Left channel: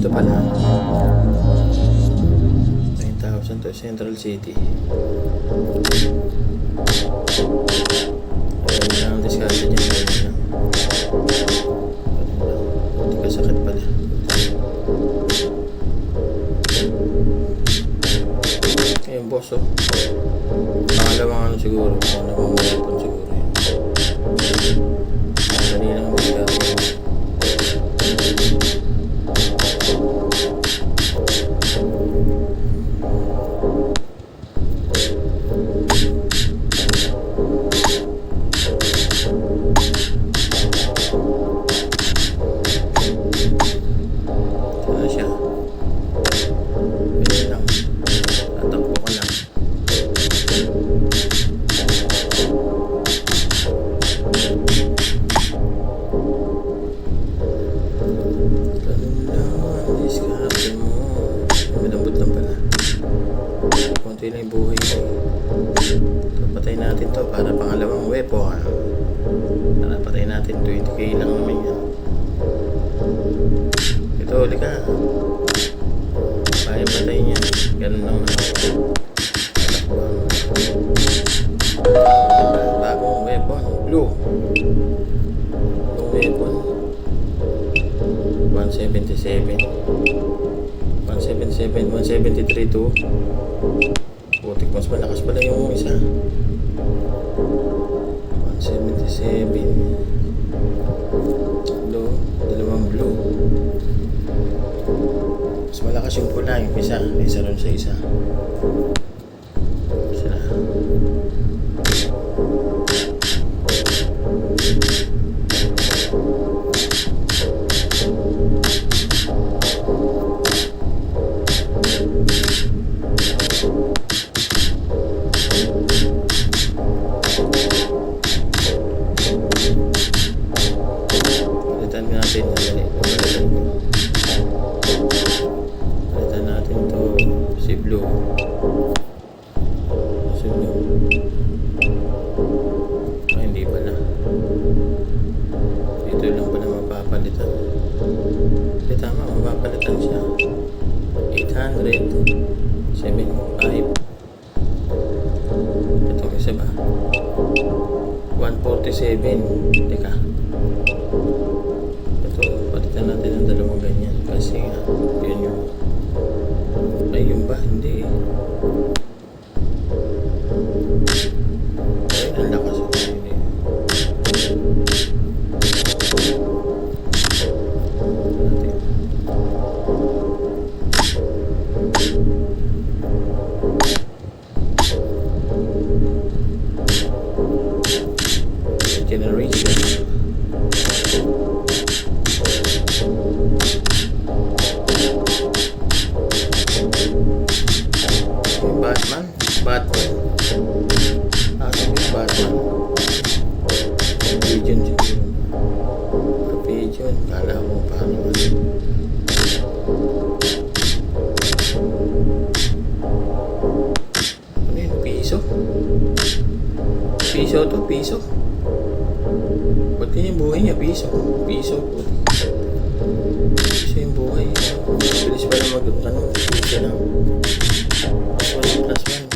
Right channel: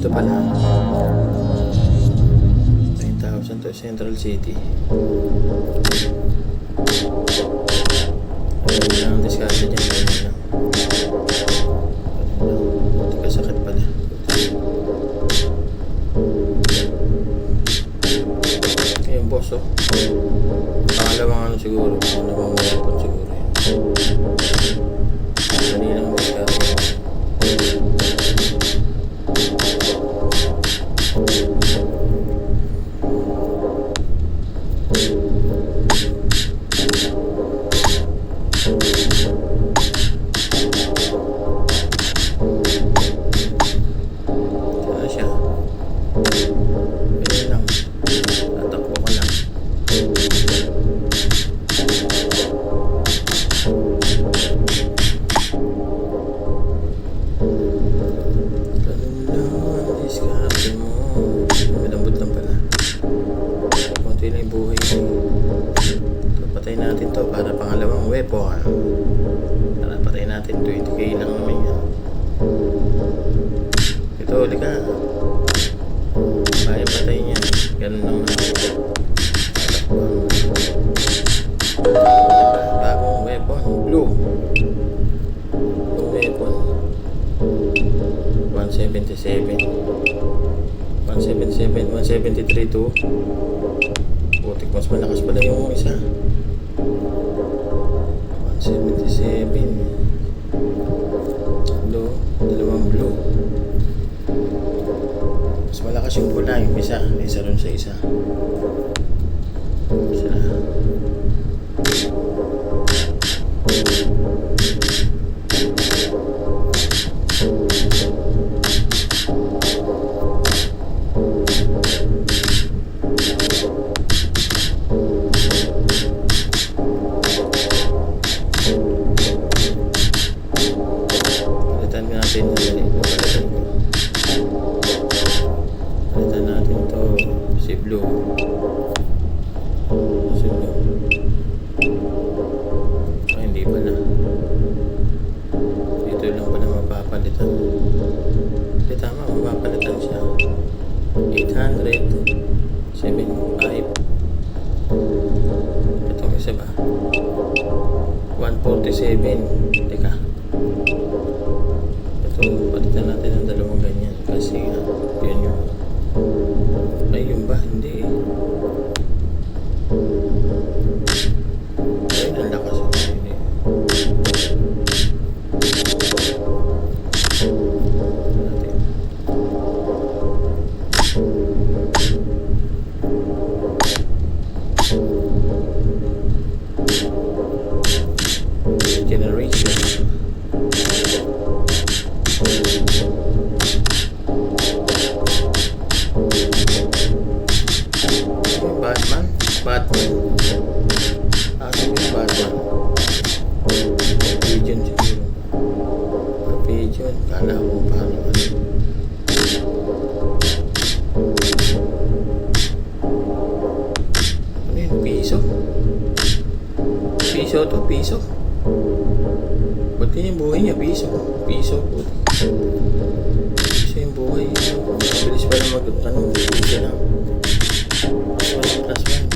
Ito pala 9,000 to Central City. Ayun lang ang diskarte dyan. Ayun lang. Buti ka sakit pala. Ayun boss oh. Pangalawang ano siguro. Pangalawang weapon siguro yun. Dali lang ang diskarte. Buhay so, patay natin to para pangalawang weapon. Para patay natin 20k lang naman yan. Ito ulit ka. Kaya patay niya. Ganun lang naman. Bagong weapon. Blue weapon 177 173 to putik, mas malakas pala yung isa. 177 blue, dalawang blue. Mas malakas yung pula, yung isa ron sa isa. Palitan natin to si blue. Ay, hindi pala. Dito lang pala mapapalitan. Hindi tama, mapapalitan siya. 875. Itong isa ba? 147. Teka. Palitan natin ang dalawang ganyan kasi yun yung ay yung ba hindi ay ang lakas hindi generation Batman. Akin yung Batman. Pigeon siguro. Pigeon. Kala ko paano ano. Ano yun? Piso? Piso to? Piso? Ba't yung buhay niya? Piso? Piso? Piso yung buhay. Bilis pala mag-ano. Piso lang. Plus 1.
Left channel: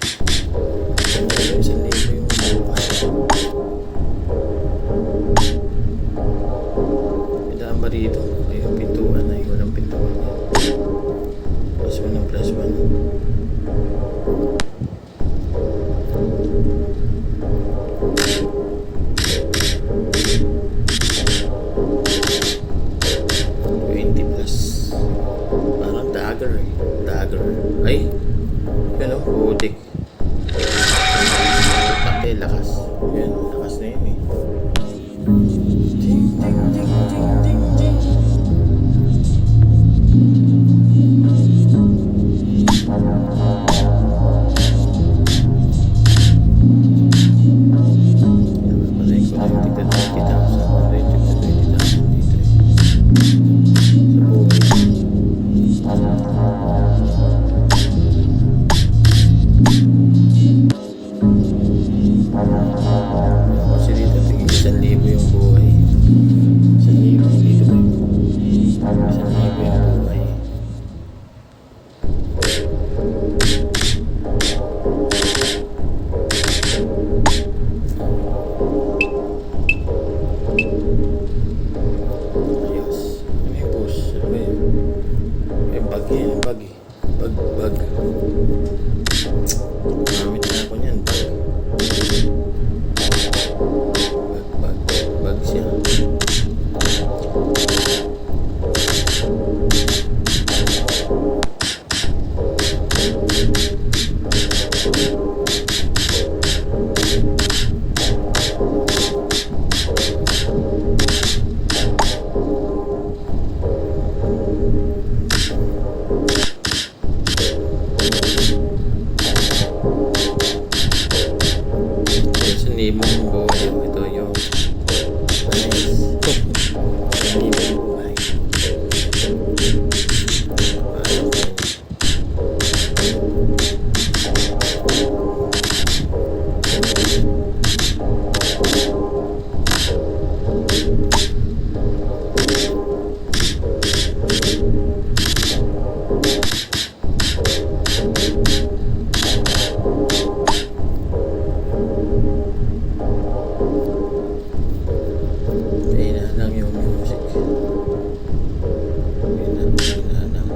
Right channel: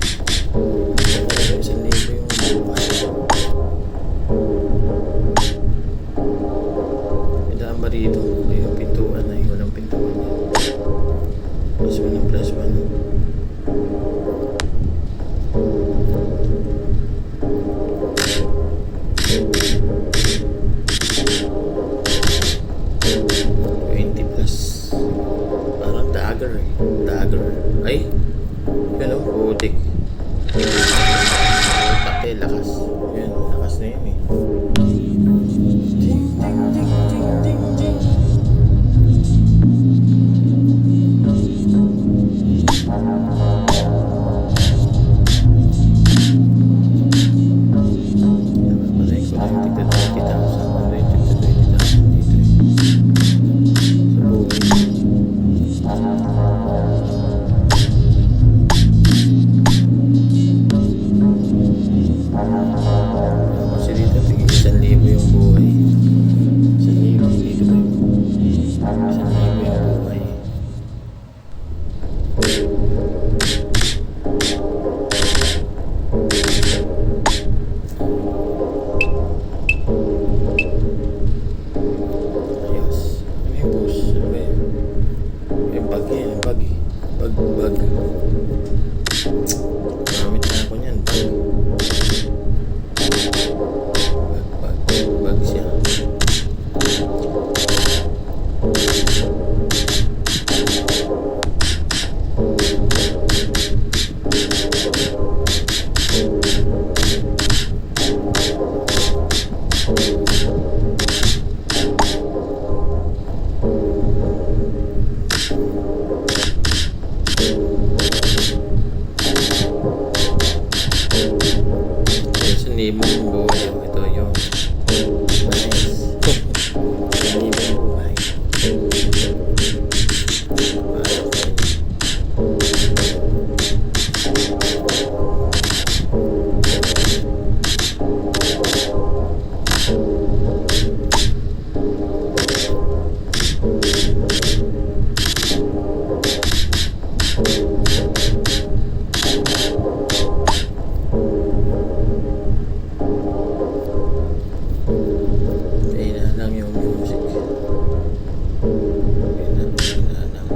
Dito ay yung pintuan ay walang pintuan plus 1 ng plus 1 20 plus parang dagger ay yun o putik pati lakas yun lakas na yun eh ding ding ding ding ding ding. Eh, bag yan, bag eh. Bag. Gamit na ako niyan, bag. Bag siya. Hindi mo buhay. Ito yung nice. Hindi mo buhay. Pasok na yun. Kaya lang yung music. Kaya lang.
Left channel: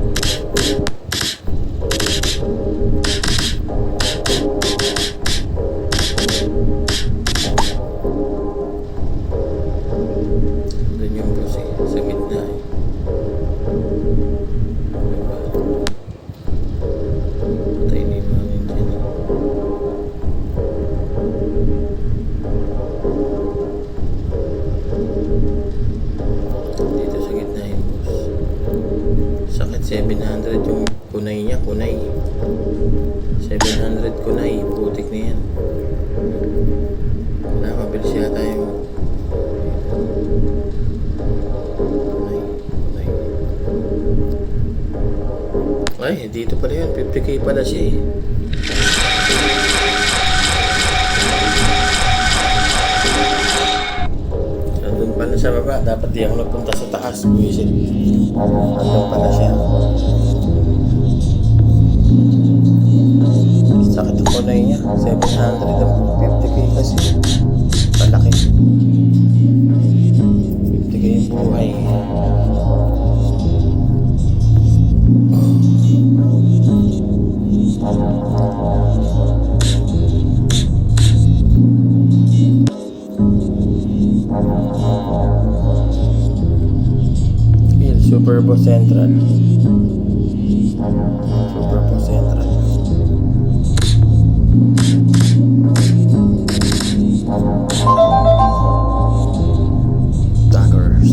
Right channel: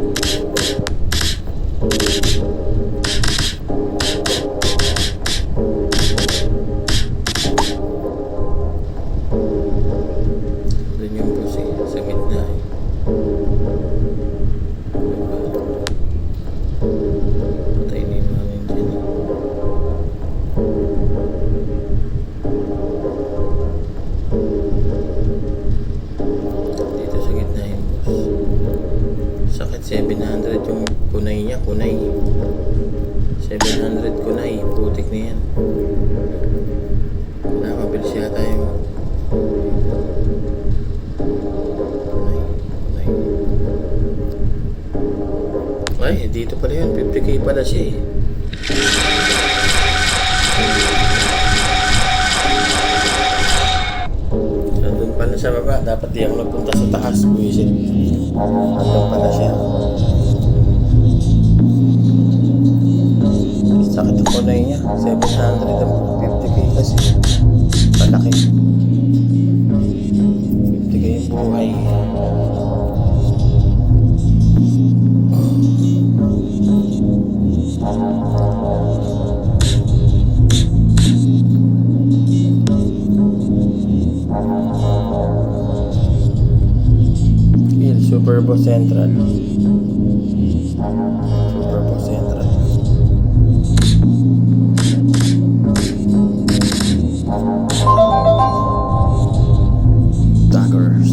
Doon yung music sa gitna eh. Patay na yung mga nandiyan eh. Dito sa gitna yung boss. Sakit 700 yung kunay niya, kunay. 700 kunay, putik na yan. Mabilis yata yung kunay. Ay, dito pala yun, 50k pala siya eh. Nandun pala sa baba, dapat di ako nagpunta sa taas, buwisit. Nandun pala siya. Sakit ang kunay niya, 750k kasi. Palaki. 50k yung buhay. Superbo Central. Superbo Central. Daggers.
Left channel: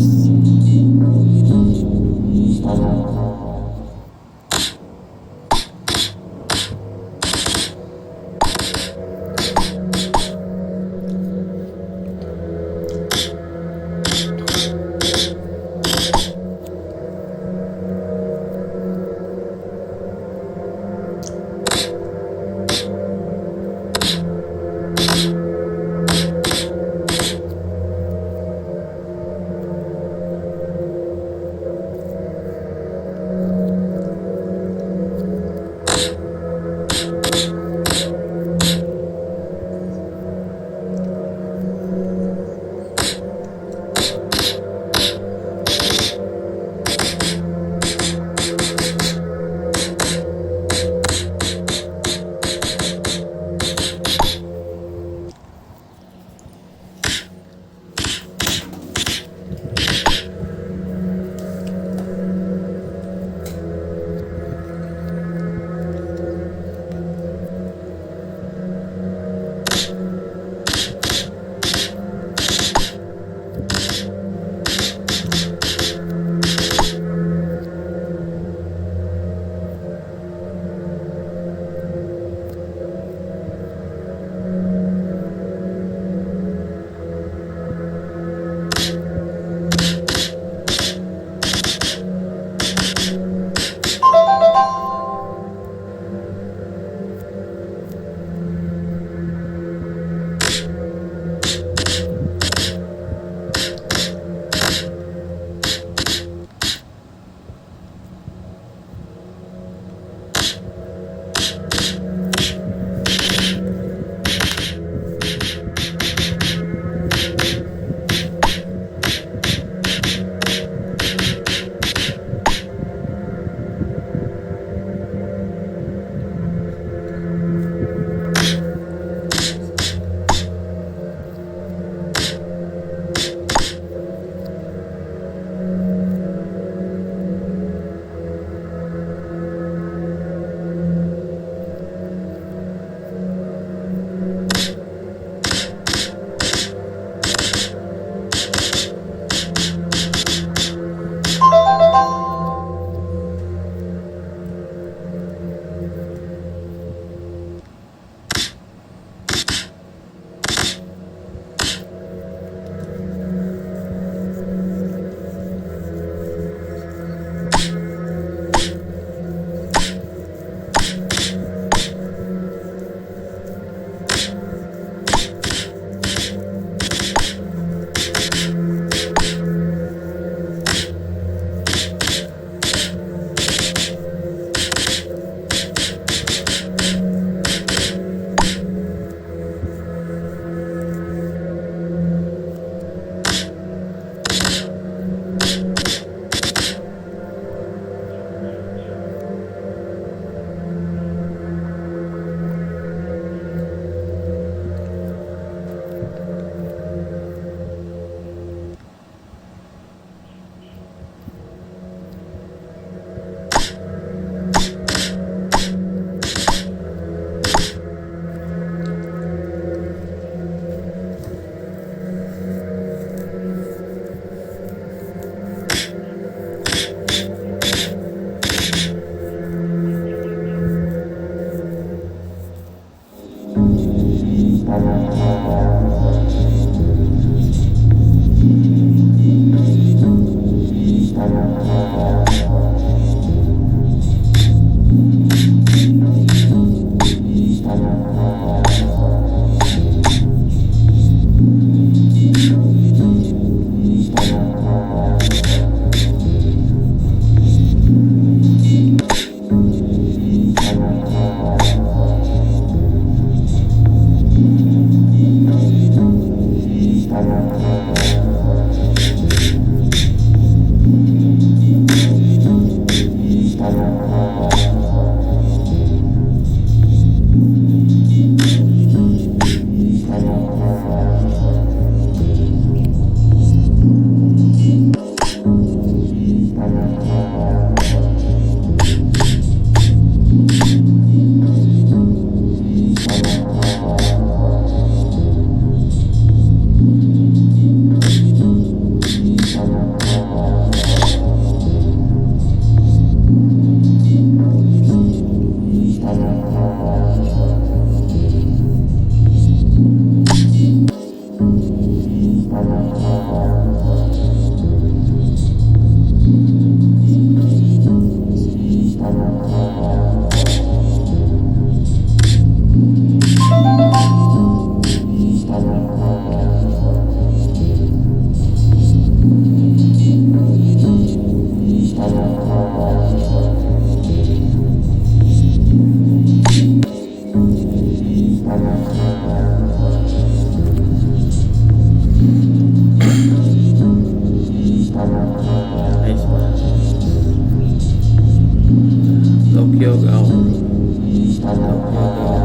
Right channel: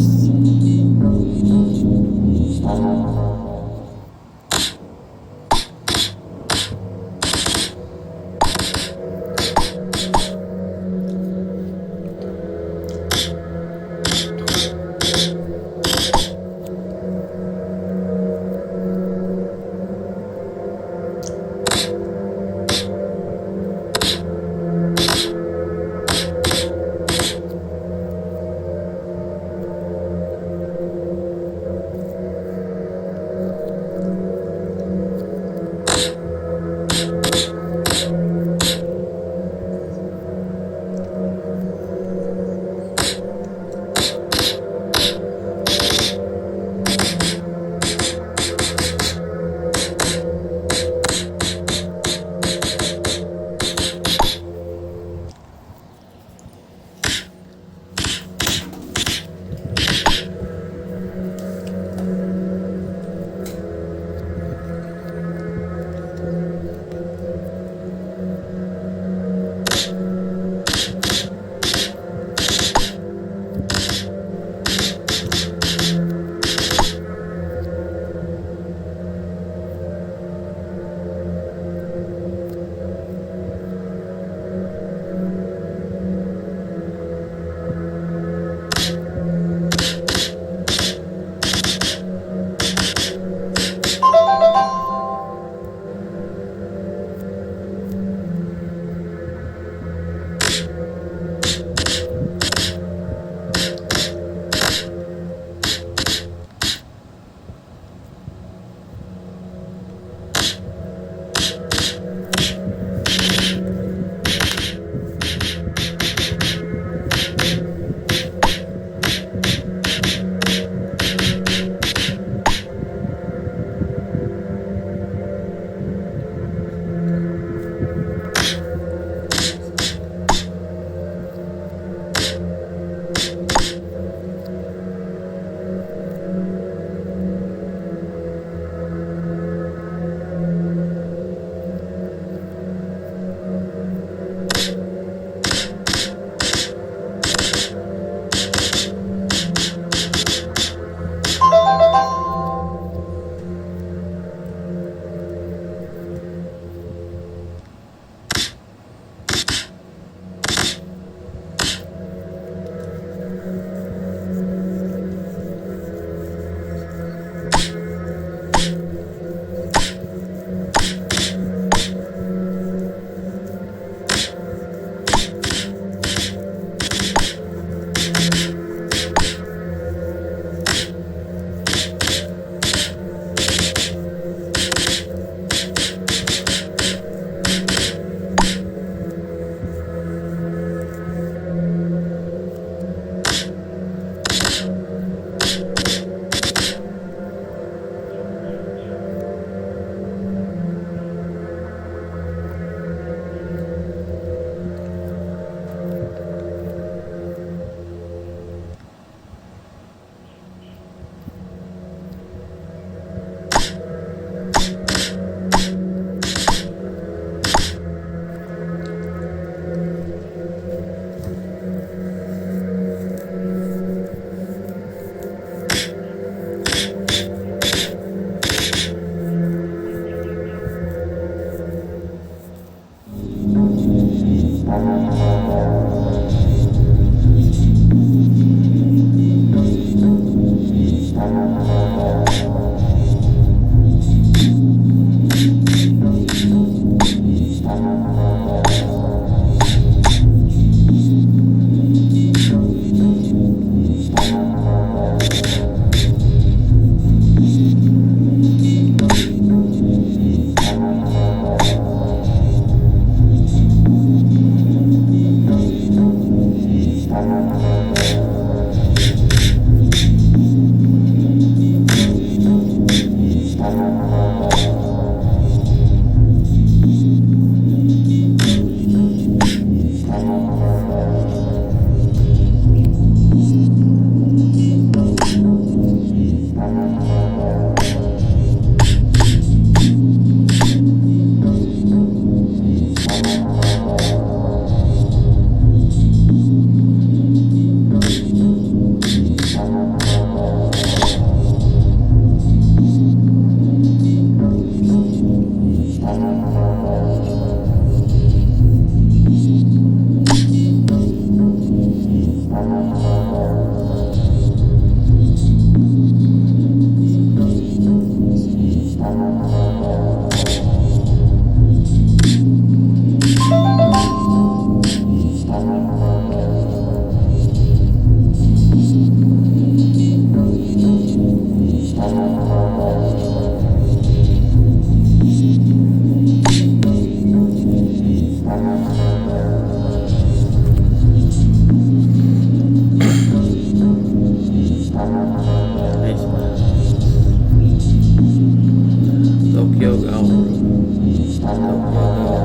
Tokyo Gao. Tokyo Gao.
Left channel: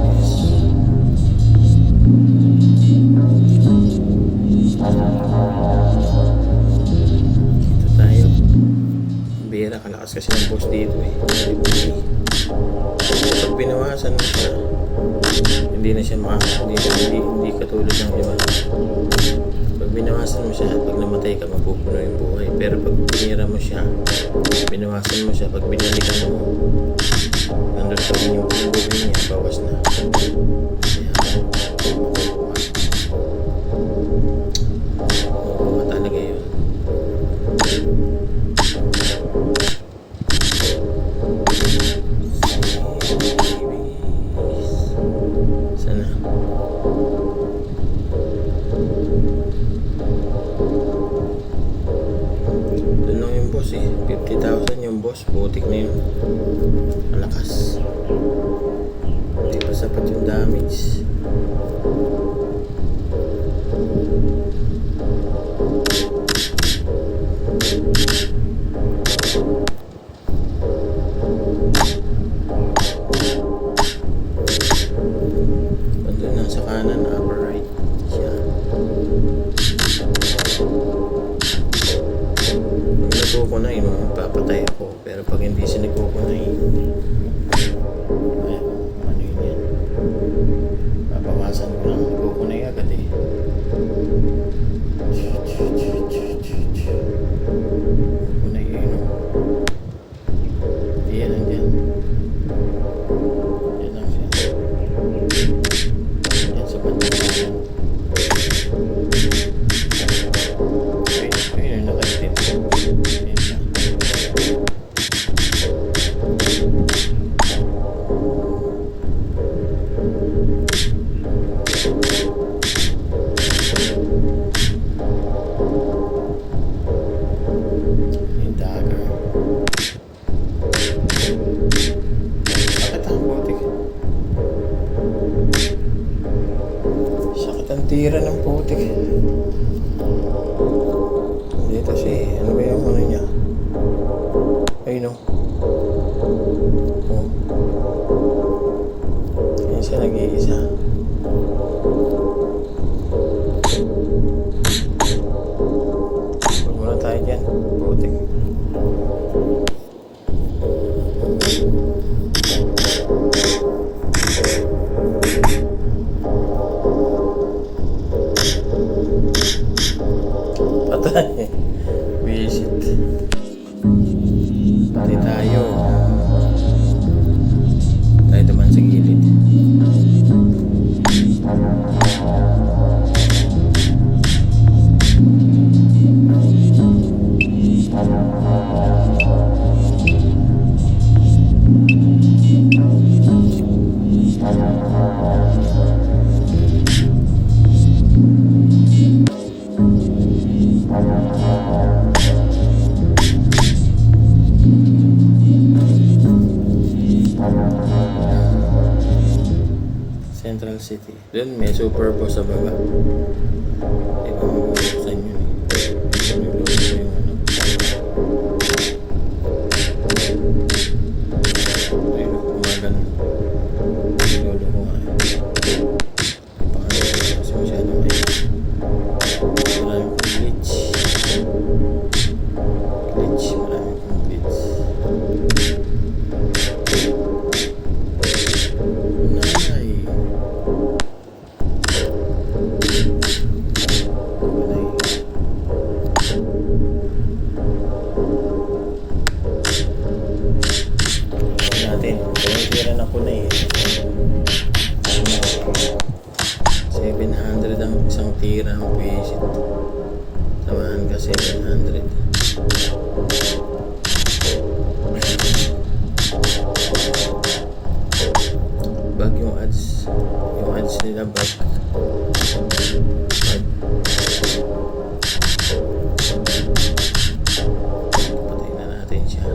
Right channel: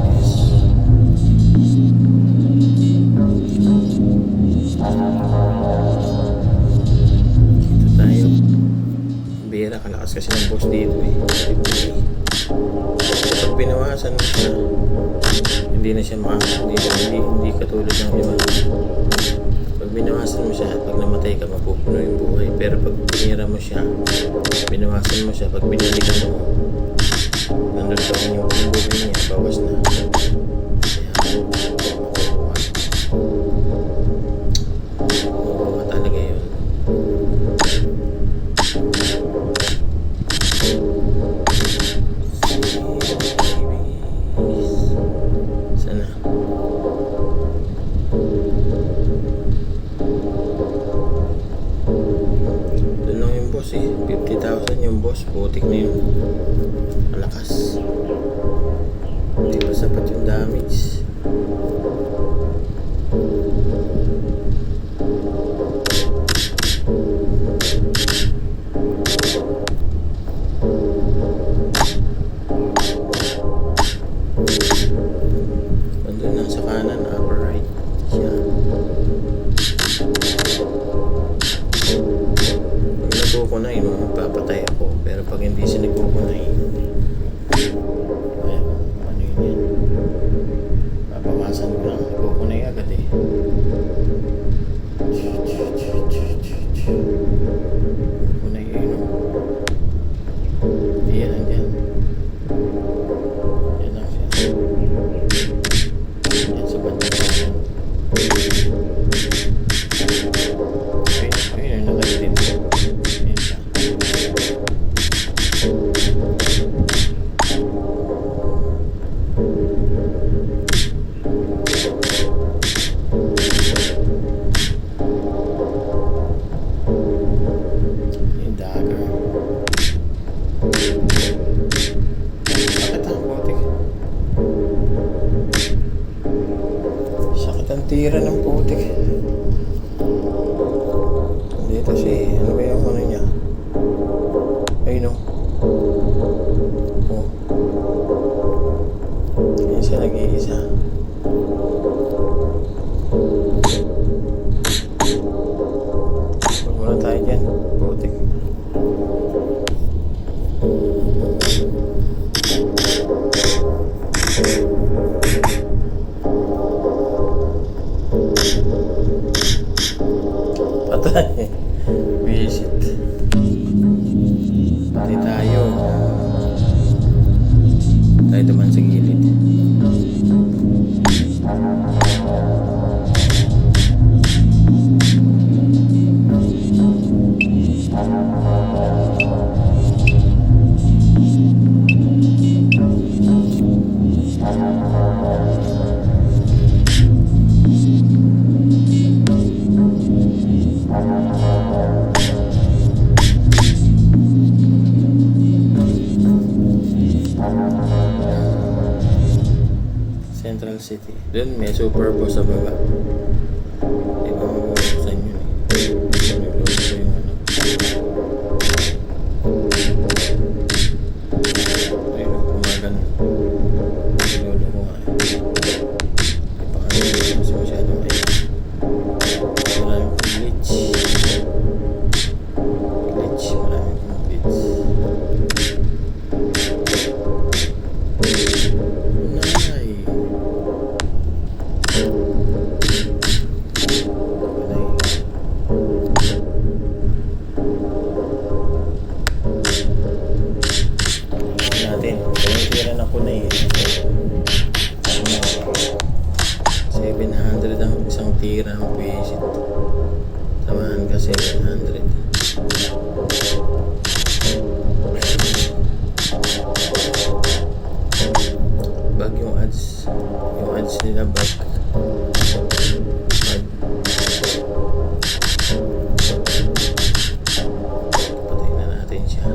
Yes. Dito tayo. Bira, kalakas kasi ng boss dito eh. Pag binawasan mo siya, hindi na siya hindi katulad ng iba. Pag binawasan mo siya, pag namatay ka, mapupuno yung buhay. Pero pag binira mo siya, binawasan mo siya, pag binalikan mo, nandun pa rin yung buhay niya, bawas na. Makuha talaga yun. Sana. Doon lang yung boss eh. 50,000 yung boss. Putik na yun. Malakas. Hindi pa sapat yung damage. Nandun lang sa kanan, upper right siya. Pag nagkukunay, magpapatay ako. Pero pag hindi siya nagkukunay, ano yun yan? Papawasan ko lang. Nagkukunay agad eh. Kunay yun. Yan lang dyan. Yan lang siya. Yan sa banda yan. Ayun, nakaitin. Yan siya. Yung dagger. Sakit ang putik. Sakit ang tira ng putik. Dito si, ano ba yung ano niya? Ayun o. Oh. Yan siya nag-iisa. Huwag muna tayo dyan. Putik. Patay. Visit. Pati tayo. Tayo naman sa gilid. Central City. Doon may super boss sa baba. Ibang mabubuksan yun eh. Nilolo ko yung ano. Ayun, kumagan. Nilolo ko nga eh. Ipakano kasi masyadong ayun. Maraming kong glitch. Maraming kong glitch. Natin. Tira na ko na eh. 700 ang isang tira ng visit. Samahan ka 700. Bag yung ads. Yung ads nila bag. Patay na natin siya.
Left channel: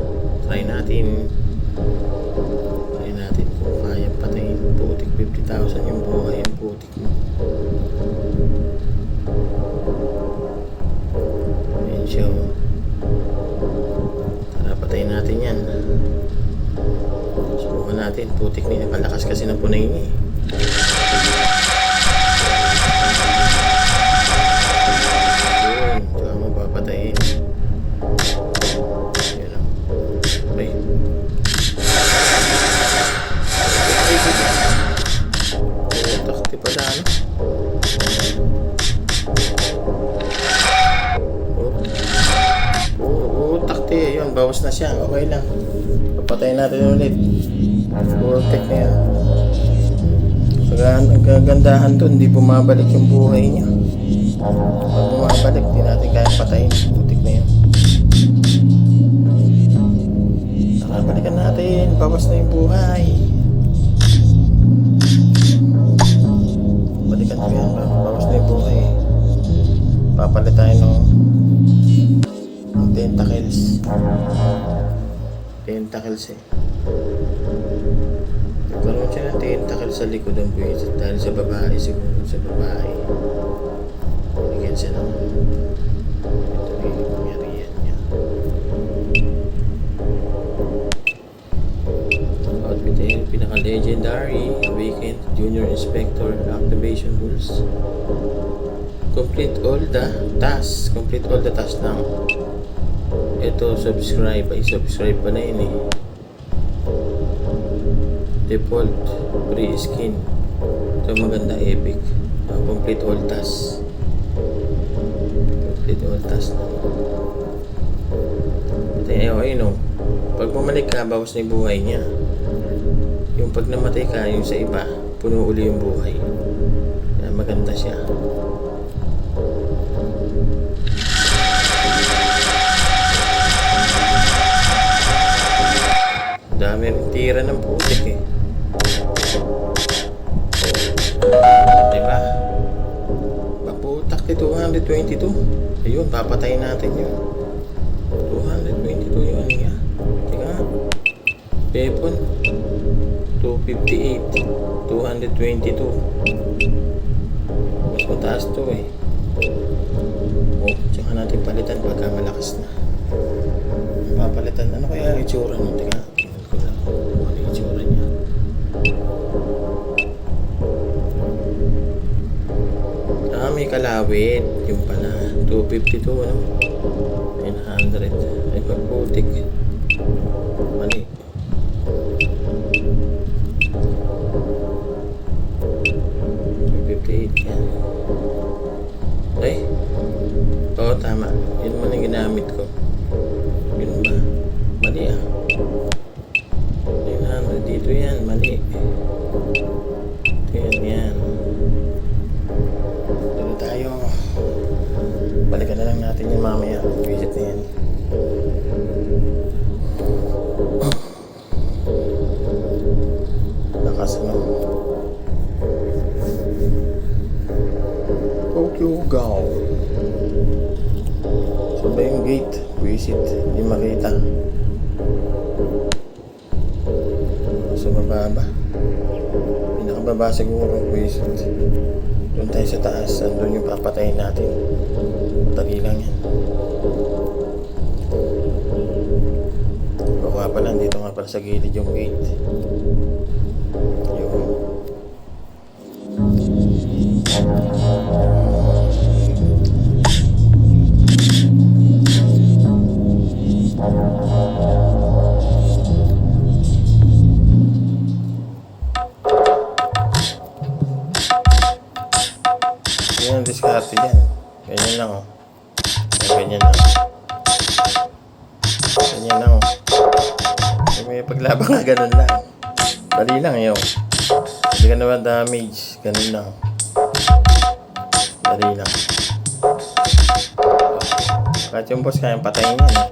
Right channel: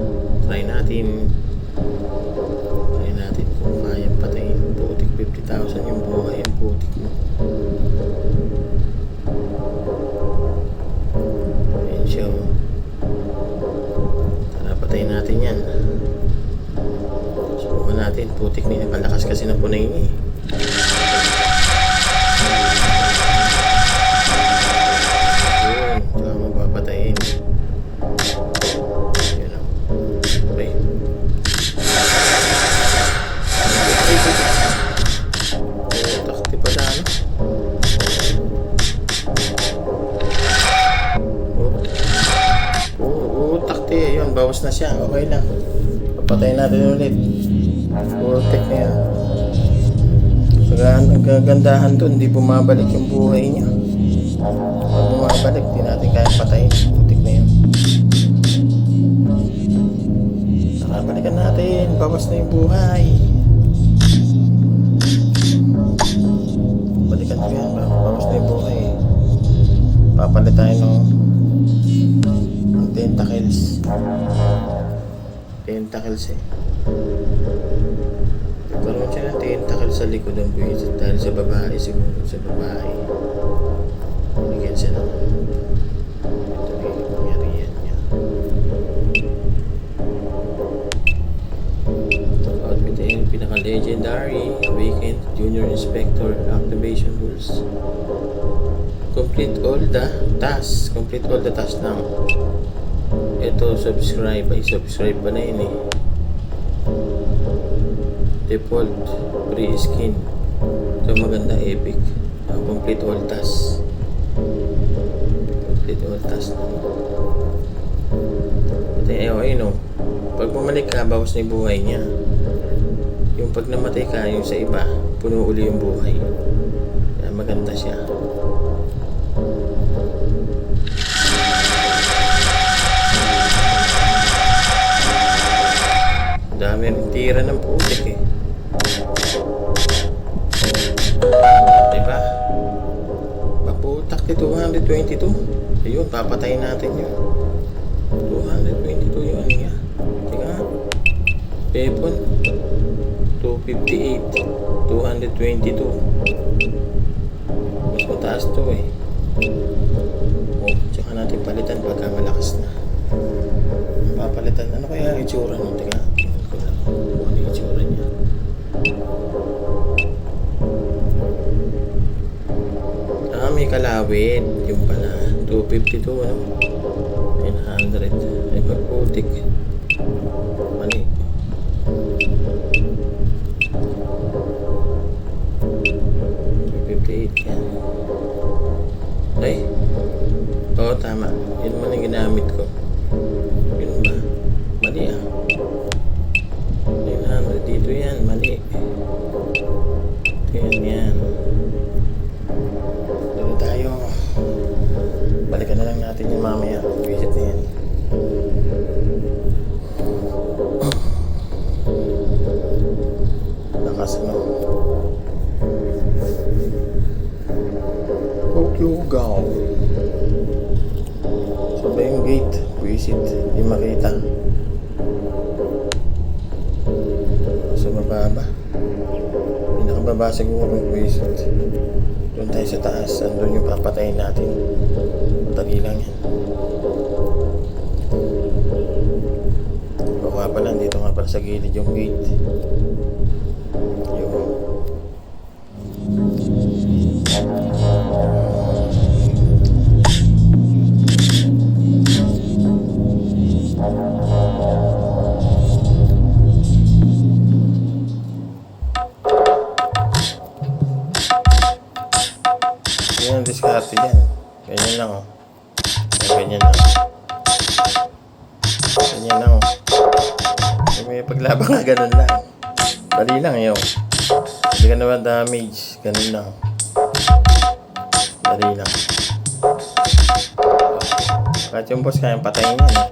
Try natin kung kaya patayin. Putik 50,000 yung buhay ang putik mo. Ayan siya. Tara patayin natin yan. Subukan natin. Putik na yan. Palakas kasi ng punay niya eh. Yun. Tsaka mapapatayin. Yun o. Okay. Takti pala ano. Takti. Yun. Bawas na siya. Okay lang. Papatayin natin ulit. Protect na yan. Ang kagandahan doon, hindi bumabalik yung buhay niya. Pag bumabalik, di natin kaya patayin. Putik na yun. Nakabalikan natin. Bawas na yung buhay. Balikan ko yan. Bawas na yung buhay. Papalit tayo ng tentacles. Tentacles eh. Nagkaroon siya ng tentacle sa likod ng buwisit dahil sa babae, siguro sa babae. Binigyan siya ng ito may pangyarihan niya. Outfit yung pinaka-legendary Awakened Junior Inspector Activation Rules. Complete all the tasks. Complete all the tasks now. Ito, subscribe. Ay, subscribe pa na yun eh. Default free skin. Ito maganda, epic. Complete all tasks. Complete all tasks. Ito ayun o. Pag bumalik ka, bawas na yung buhay niya. Yung pag namatay ka, yung sa iba, puno uli yung buhay. Kaya maganda siya. Dami rin tira ng putik eh. Diba? Baputak ni 222. Ayun, papatayin natin yun. 222 yung ano niya. Tika nga. Weapon. 258. 222. Mas mataas to eh. Oh, tsaka natin palitan pagka malakas na. Papalitan. Ano kaya ang itsura nun? Tika. Ano yung itsura niya? May kalawit. Yung pala 252 ano? 900. Ay pagputik. Mali. 258 yan. Ay. Oo, tama. Yun man yung ginamit ko. Yun ba? Mali ah. 900 dito yan. Mali. Ito yan. Tayo. Balikan na lang natin yung mamaya. Visit na yan. Lakas mo. Tokyo Gao. Sabay yung gate. Visit. Hindi makita. Sa baba ba? Pinakababa siguro. Visit. Doon tayo sa taas, andun yung papatayin natin. Dali lang yan. O nga pala, dito nga pala sa gilid yung gate. Yun. Yan ang diskarte dyan. Ganyan lang oh. Ganyan lang. Ganyan lang oh. May paglabang nga ganun lang. Dali lang yun. Hindi ka naman damage. Ganun lang. Dali lang. Kahit yung boss kayang patayin yan eh.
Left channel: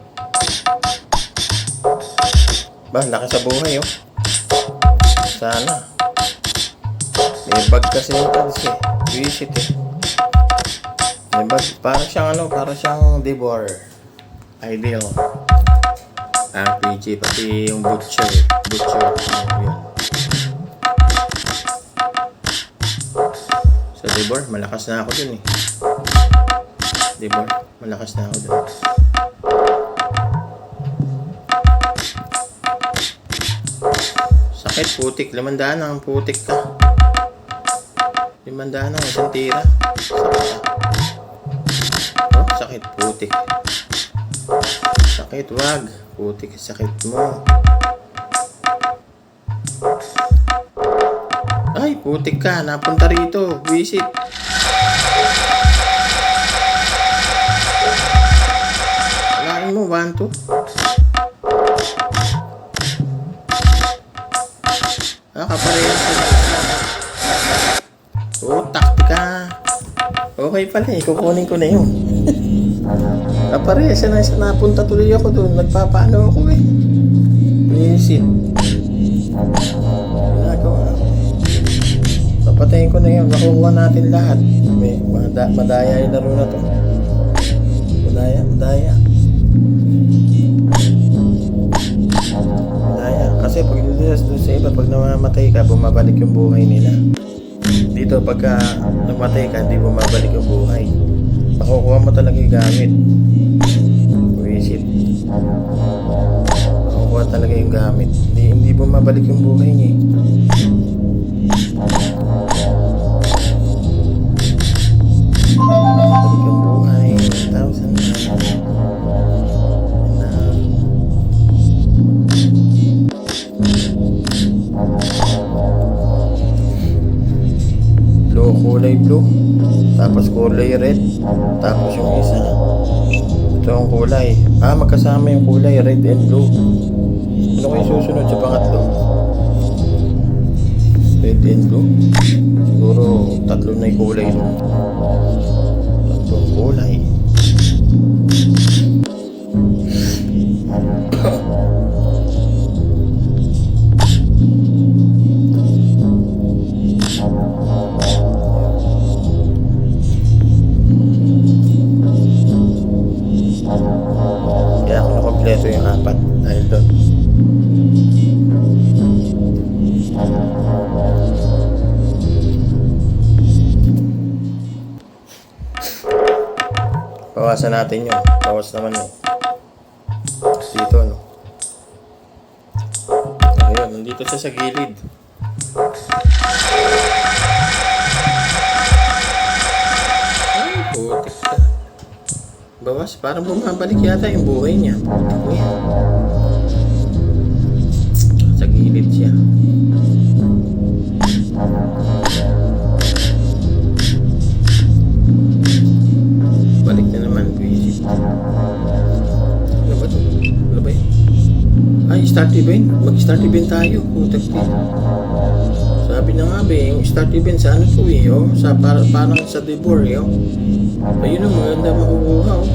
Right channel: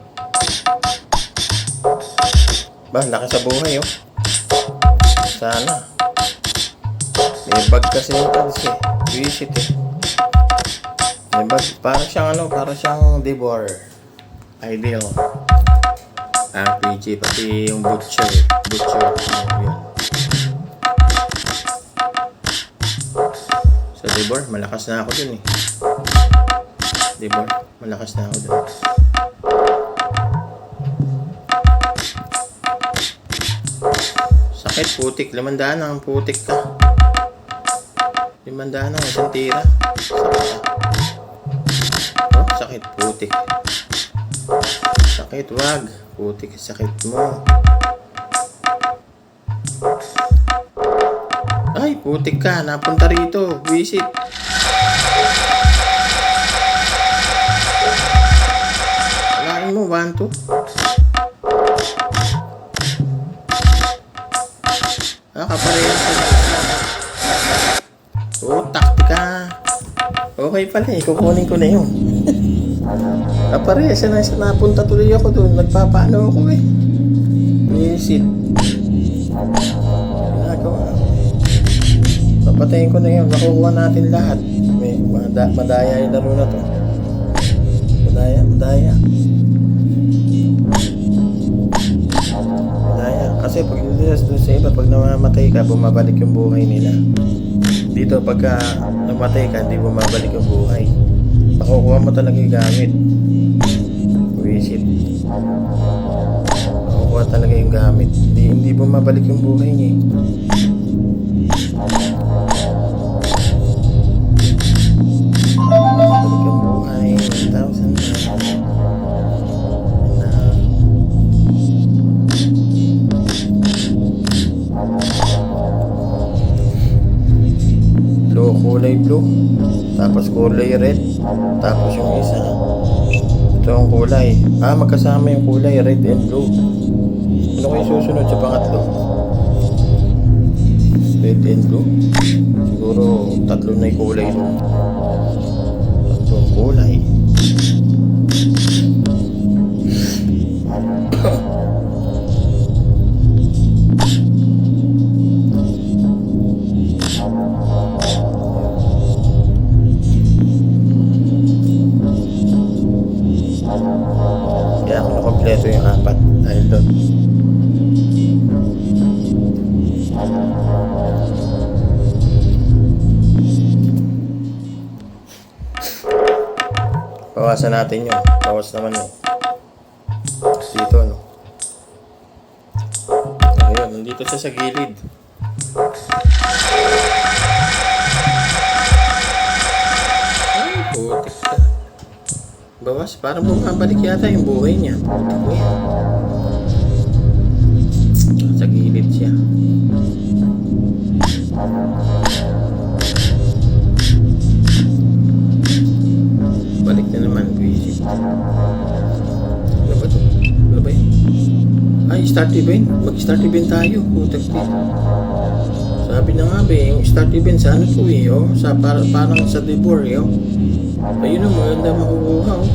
Ba, laki sa buhay oh. Sana. May bag kasi yung talis eh. Visit eh. Diba? Parang siyang ano, parang siyang Devor. Ideal. RPG, pati yung Butcher. Yun. Sa Devor, malakas na ako dun eh. Devor, malakas na ako dun. Sakit, putik. 500 ang putik ka. 500 ang isang tira. Sakit. Oh, sakit, putik. Sakit, wag. Putik, sakit mo. Ay, putik ka. Napunta rito. Visit. Alain mo, 1, 2. Kaparehas sila. Oh, taktika. Okay pala eh. Kukunin ko na yun. Kaparehas na isa. Napunta tuloy ako doon. Nagpapaano ako eh. Visit. Ginagawa. Papatayin ko na yun. Nakukuha natin lahat. May madaya yung laro na to. Madaya. Madaya. Kasi pag doon sa iba, pag namamatay ka, bumabalik yung buhay nila. Dito, pagka namatay ka, hindi bumabalik yung buhay. Makukuha mo talaga yung gamit. Visit. Makukuha talaga yung gamit. Hindi bumabalik yung buhay niya. Bumabalik yung buhay. 1,000 na. Kulay blue, tapos kulay red, tapos yung isa ito ang kulay, magkasama yung kulay red and blue. Ano kayo susunod sa pangatlo? Red and blue, siguro tatlo na yung kulay ron. Tatlong kulay. Kaya ako nakompleto yung 4 dahil doon. Bawasan natin yun. Bawas naman yun. Dito, no? Ayun, nandito siya sa gilid. Ay, putik ka. Bawas, parang bumabalik yata yung buhay niya. Putik mo yan. Sa gilid siya. Balik na naman, visit. Ano ba ito? Ano ba yun? Ay, start event. Mag-start event tayo. Putik din. Sabi na nga ba yung start event sa ano to eh. Oh? Parang sa Debor eh. Oh? Ayun ang maganda makukuha oh.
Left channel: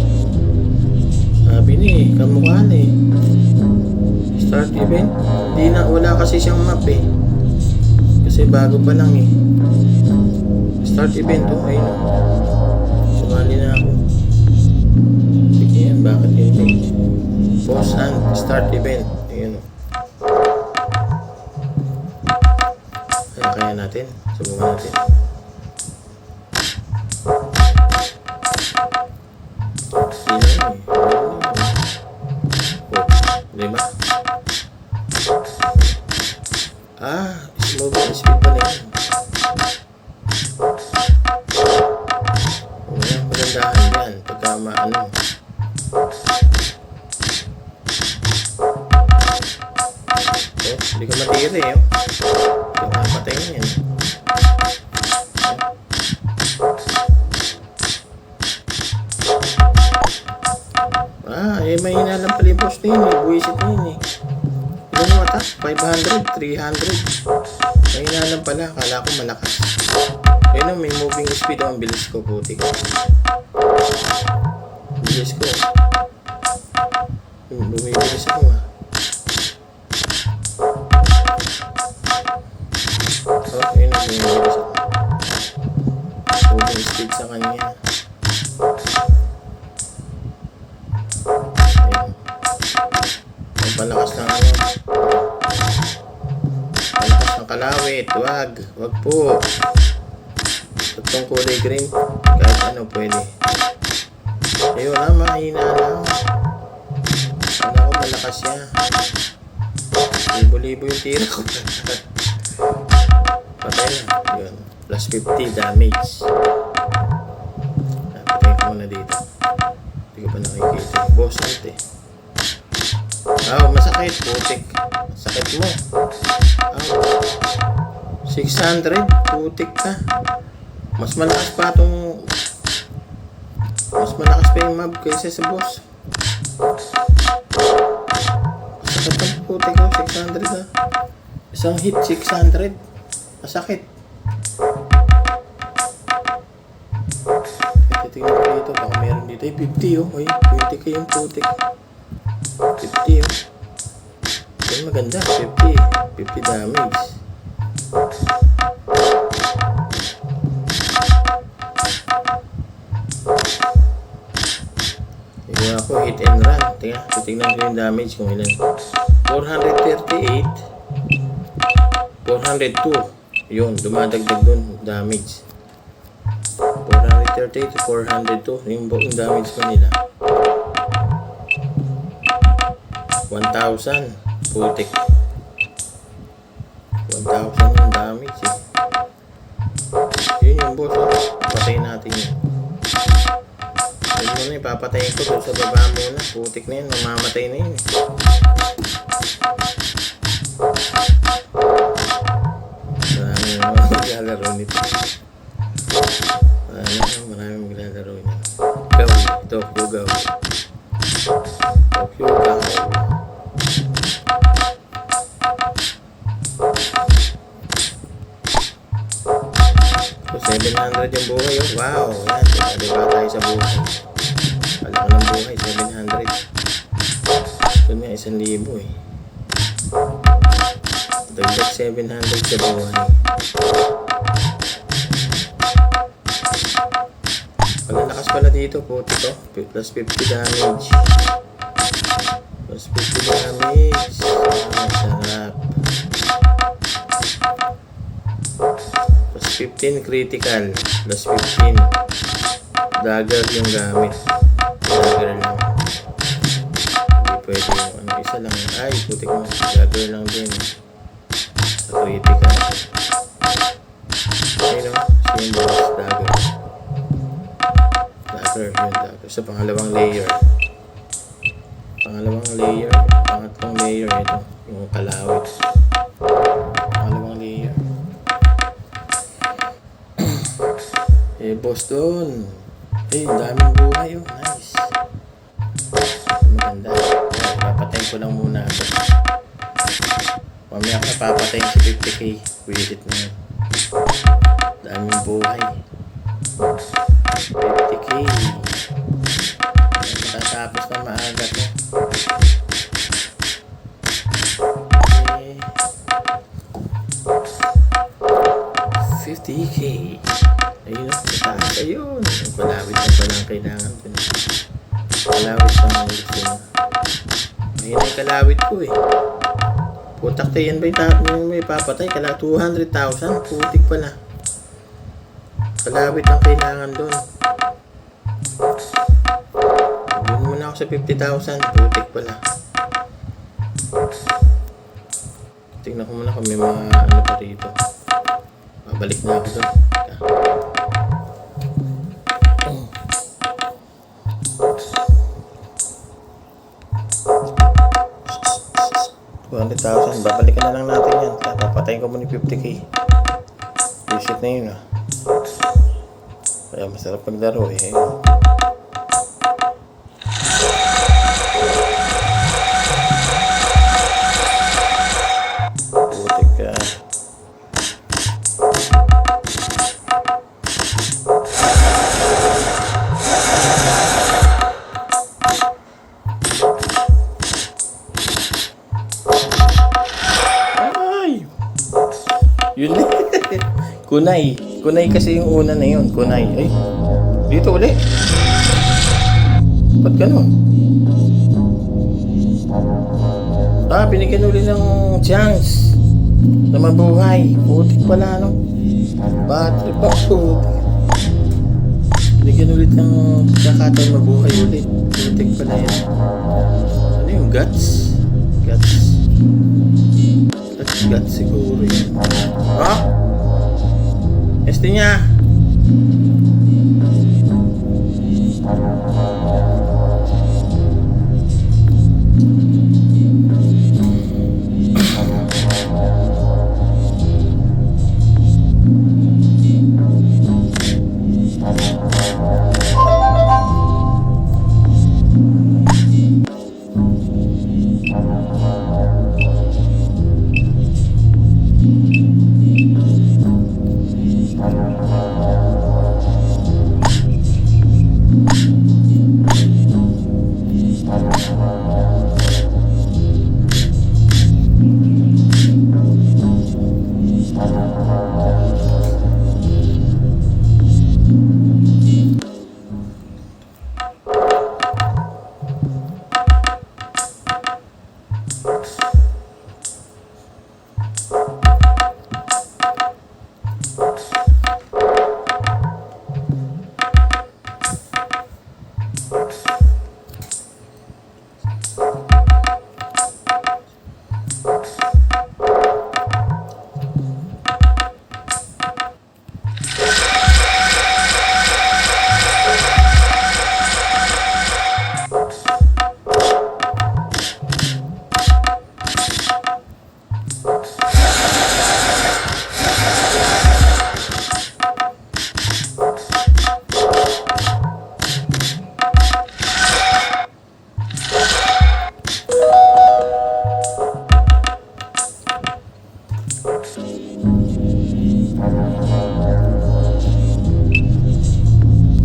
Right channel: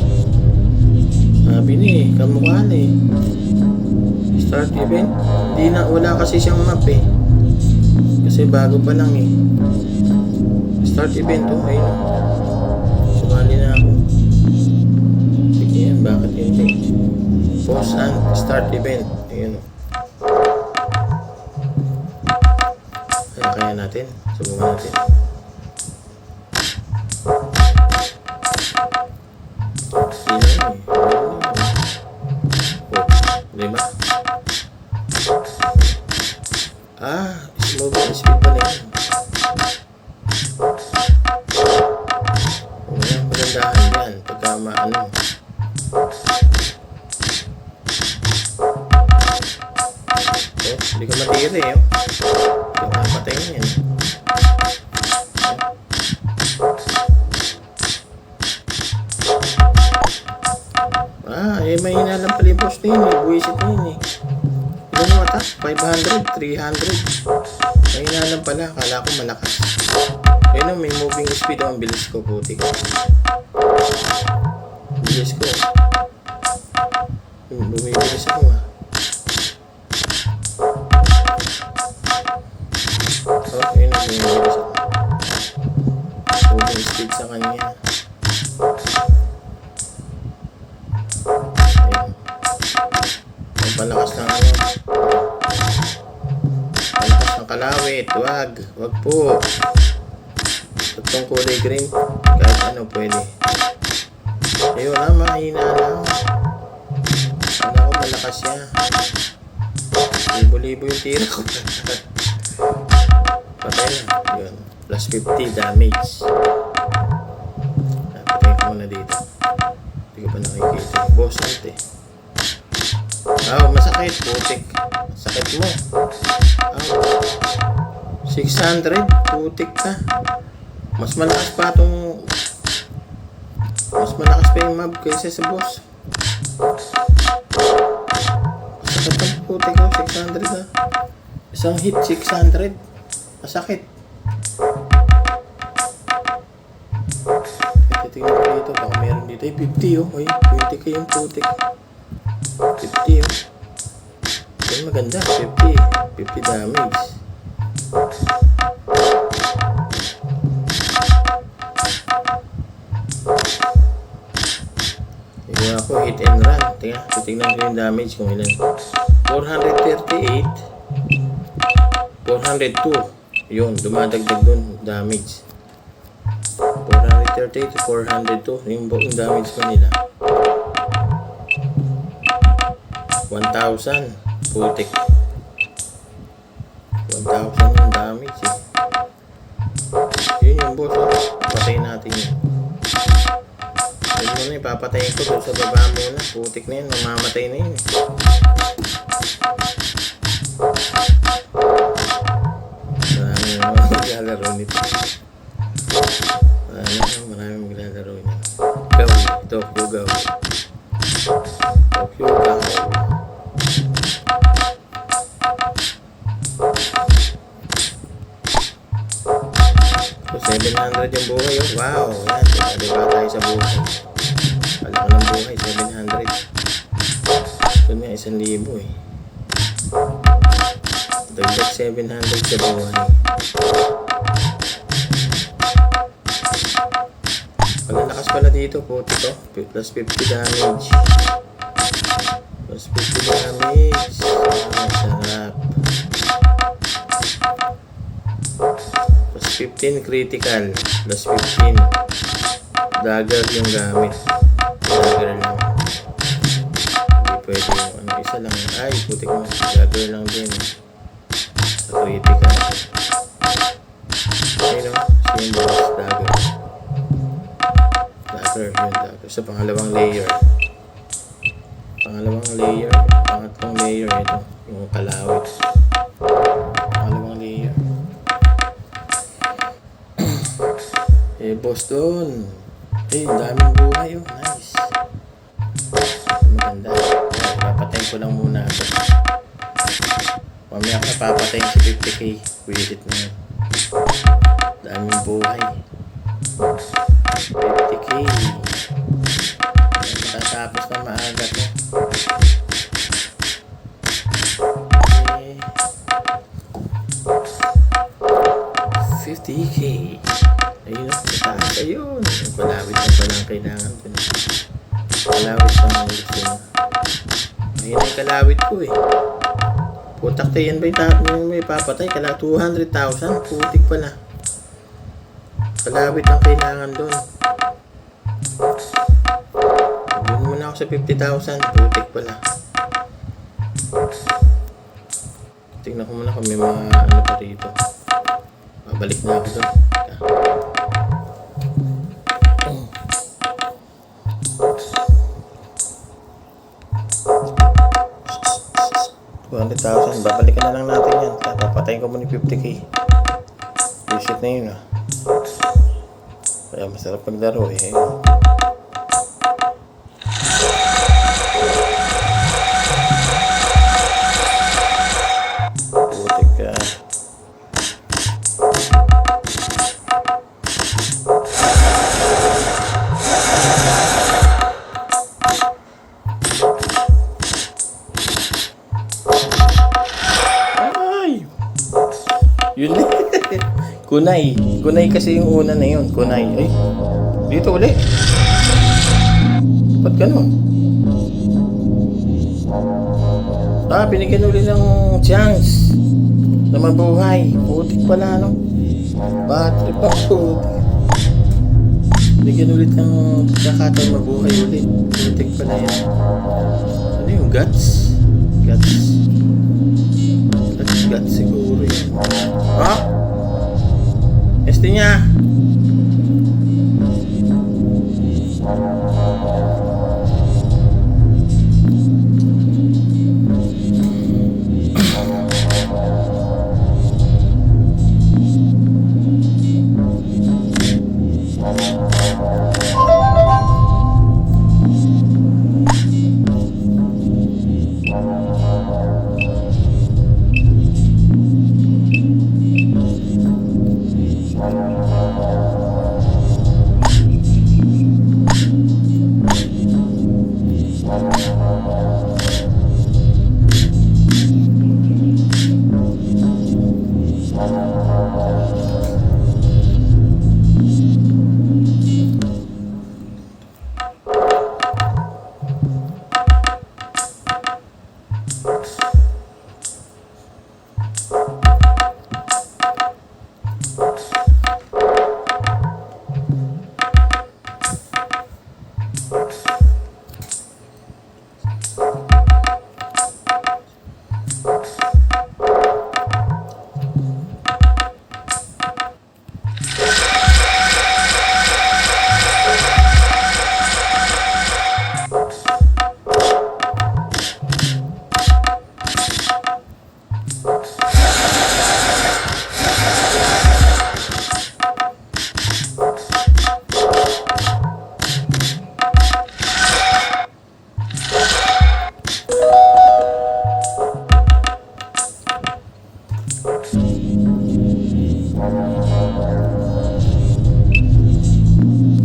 Sabi ni kamukha na eh. Start event. Wala kasi siyang map eh. Kasi bago pa lang eh. Start event oh. Ayun oh. Sumali na ako. Sige yan. Bakit hindi? Pause and start event. Ayun oh. Kaya natin. Subukan natin. Diba? Slow speed pa na yun. Magandahan yan. Pagka maano. Hindi ka matira eh. Hindi ka matay na yan. May hinalang pala yung post na yun eh. Buwisit na yun eh. Ilan yung mata? 500, 300. May hinalang pala. Akala ko malakas. Ayun o, may moving speed o. Ang bilis ko, puti ko. Bilis ko. Bumibilis ako ah. Ayun o, bumibilis ako. Moving speed sa kanya. Palakas ng ano. Palakas ng kalawit. Wag po. Itong kulay green. Kahit ano pwede. Ayun na, mahina na. Ano ko malakas siya. Libo-libo yung tira ko. Patay na. Yun. Plus 50 damage. Patay ko muna dito. Hindi ko pa nakikita. Boss out eh. Masakit. Putik. Sakit mo. 600. Putik ka. Mas malakas pa yung mob kaysa sa boss. Masakit ang putik ko. 600 ha. Isang hit 600. Masakit. Titignan ko dito. Baka meron dito. 50 oh. 20 yung putik. 50 oh. Yan maganda. 50 damage. Tingnan ako, hit and run. Titignan ko yung damage kung ilan. 438. 402. Yun, dumadagdag dun. Damage. 438 to 402. Yung damage pa nila. 1,000. Putik. 1,000 yung damage eh. Yun yung boss oh. Patayin natin yun. Yun muna ipapatayin ko doon sa baba muna. Putik na yun. Mamamatay na yun eh. Marami naman maglalaro nito. Marami maglalaro nito. Gawi. Tokyo Gawi. Tokyo Gawi. So, 700 yung buhay oh. Wow. Yan. Diba tayo sa buhay. Wala ka ng buhay. 700. Ito nga 1,000 eh. Dagdag 700 sa buhay. Malalakas pala dito po ito. Plus 50 damage. Plus 50 damage. Sarap. Plus 15 critical. Plus 15. Dagger yung gamit. Dagger lang. Hindi pwede yung isa lang. Ay, putik mo. Dagger lang din. Sa critical. Ayun o. Yung boss. Dagger. Dagger. Yun dagger. Sa pangalawang layer. Pangatlong layer ito. Yung kalawit. Pangalawang layer. Boss doon. Daming buhay oh. Nice. Maganda. Papatayin ko lang muna ito. Mamaya ka papatayin sa 50k. Visit na yun. Daming buhay. 50k. Matatapos na maaga to. 50k. Ayun o, mataas. Ayun. Palawit na pala ang kailangan ko na. Kalawit pa ang gusto na. Ayun ang kalawit ko eh. Putak tayo yan ba yung may papatay? 200,000. Putik pala. Kalawit ang kailangan doon. Doon muna ako sa 50,000. Putik pala. Tingnan ko muna kung may mga ano pa rito. Babalik na ako doon. 200,000. Babalikan na lang natin yan. Papatayin ko muna yung 50k. Visit na yun ah. Kaya masarap maglaro eh. Putik ka. Yun Kunay. Kunay kasi yung una na yun. Kunay. Ay, dito uli. Ba't ganun? Binigyan uli ng chance na mabuhay. Putik pala, no? Battery pa po. Binigyan ulit ng kakataon mabuhay ulit. Putik pala yan. Ano yung guts? Guts. Bigat siguro yan. Oh? Este niya.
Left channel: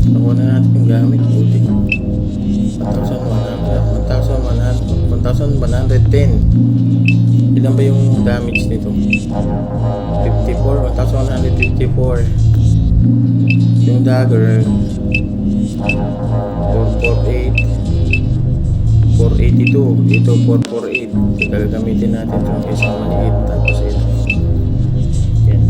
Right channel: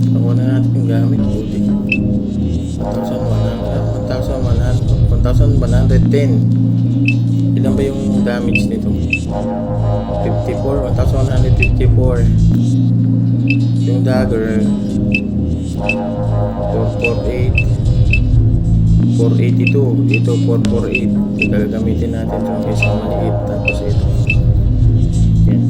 Nakuha na natin yung gamit. Buti. 1,110. Ilan ba yung damage nito? 54. 1,154. Yung dagger 448. 482. Ito 448. Gagamitin natin itong isang maliit. Tapos ito. Yan.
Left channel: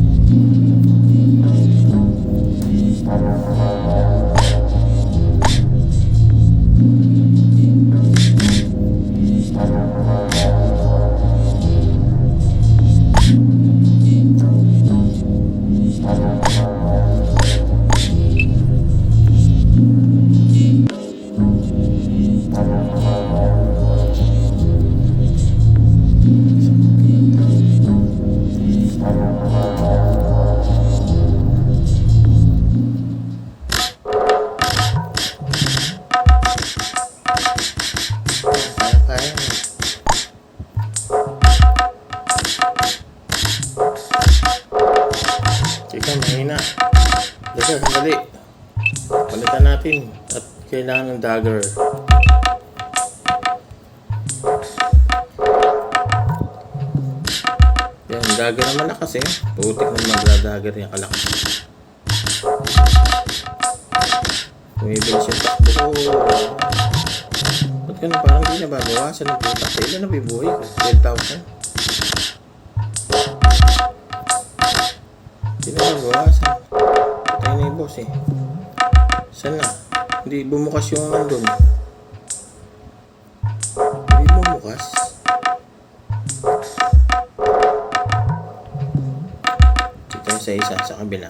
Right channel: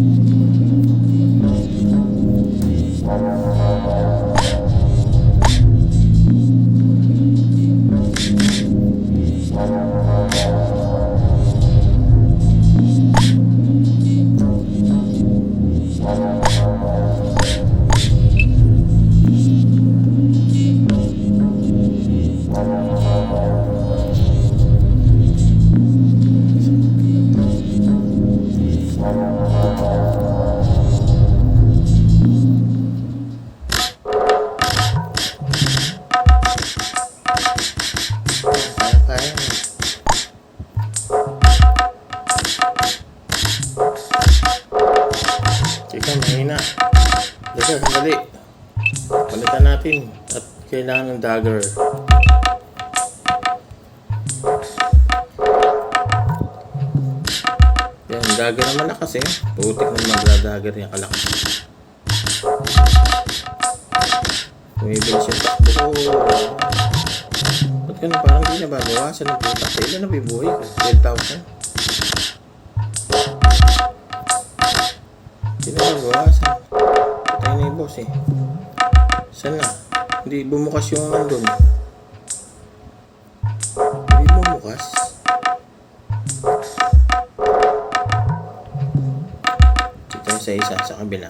Chika, mahina. Dito, sandali. Palitan natin. At kailangan ng dagger. Yan, dagger na malakas eh. Putik na magdadagger yung kalakas. Bumibilis yung takbo ko. Ba't ka na parang di na babawasan ng putak? Ilan na bibuhay ko? 12,000? Hindi na babawasan. Patay na yung boss eh. Saan na? Hindi bumukas yung nandun. Hindi bumukas. Ito sa isa sa kabila.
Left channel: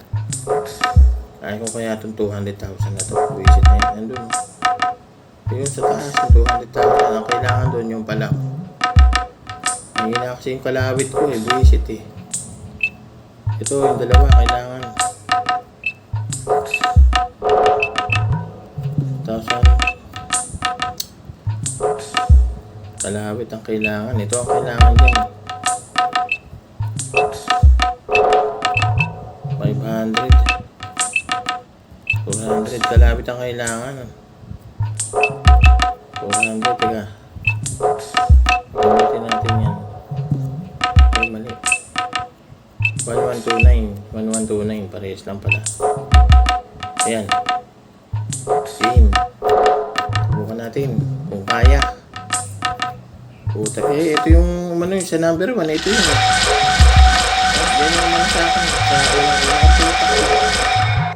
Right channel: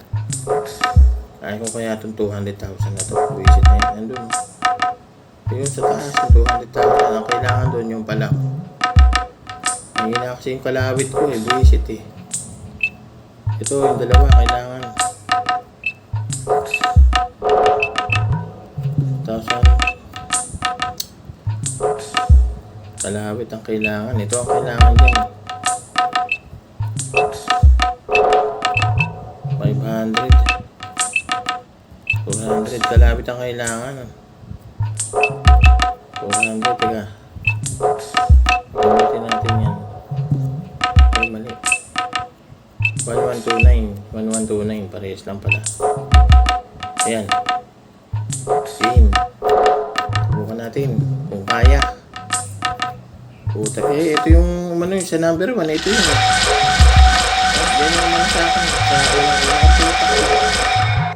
Ayaw ko kaya itong 200,000 na ito. Buisit na yan. Nandun. Yung sa taas yung 200,000. Ang kailangan doon yung pala. Mahina kasi yung kalawit ko eh. Buisit eh. Ito yung dalawa kailangan. 1,000. Kalawit ang kailangan. Ito ang kailangan dyan. 500. 400. Kalawit ang kailangan. 400. Teka. Gamitin natin yan. Ay, mali. 1129. 1129. Parehas lang pala. Ayan. Game. Subukan natin. Kung kaya. Puta. Eh, ito yung ano yung sa number 1. Ito yun. Yan yung naman sa akin. Sa unang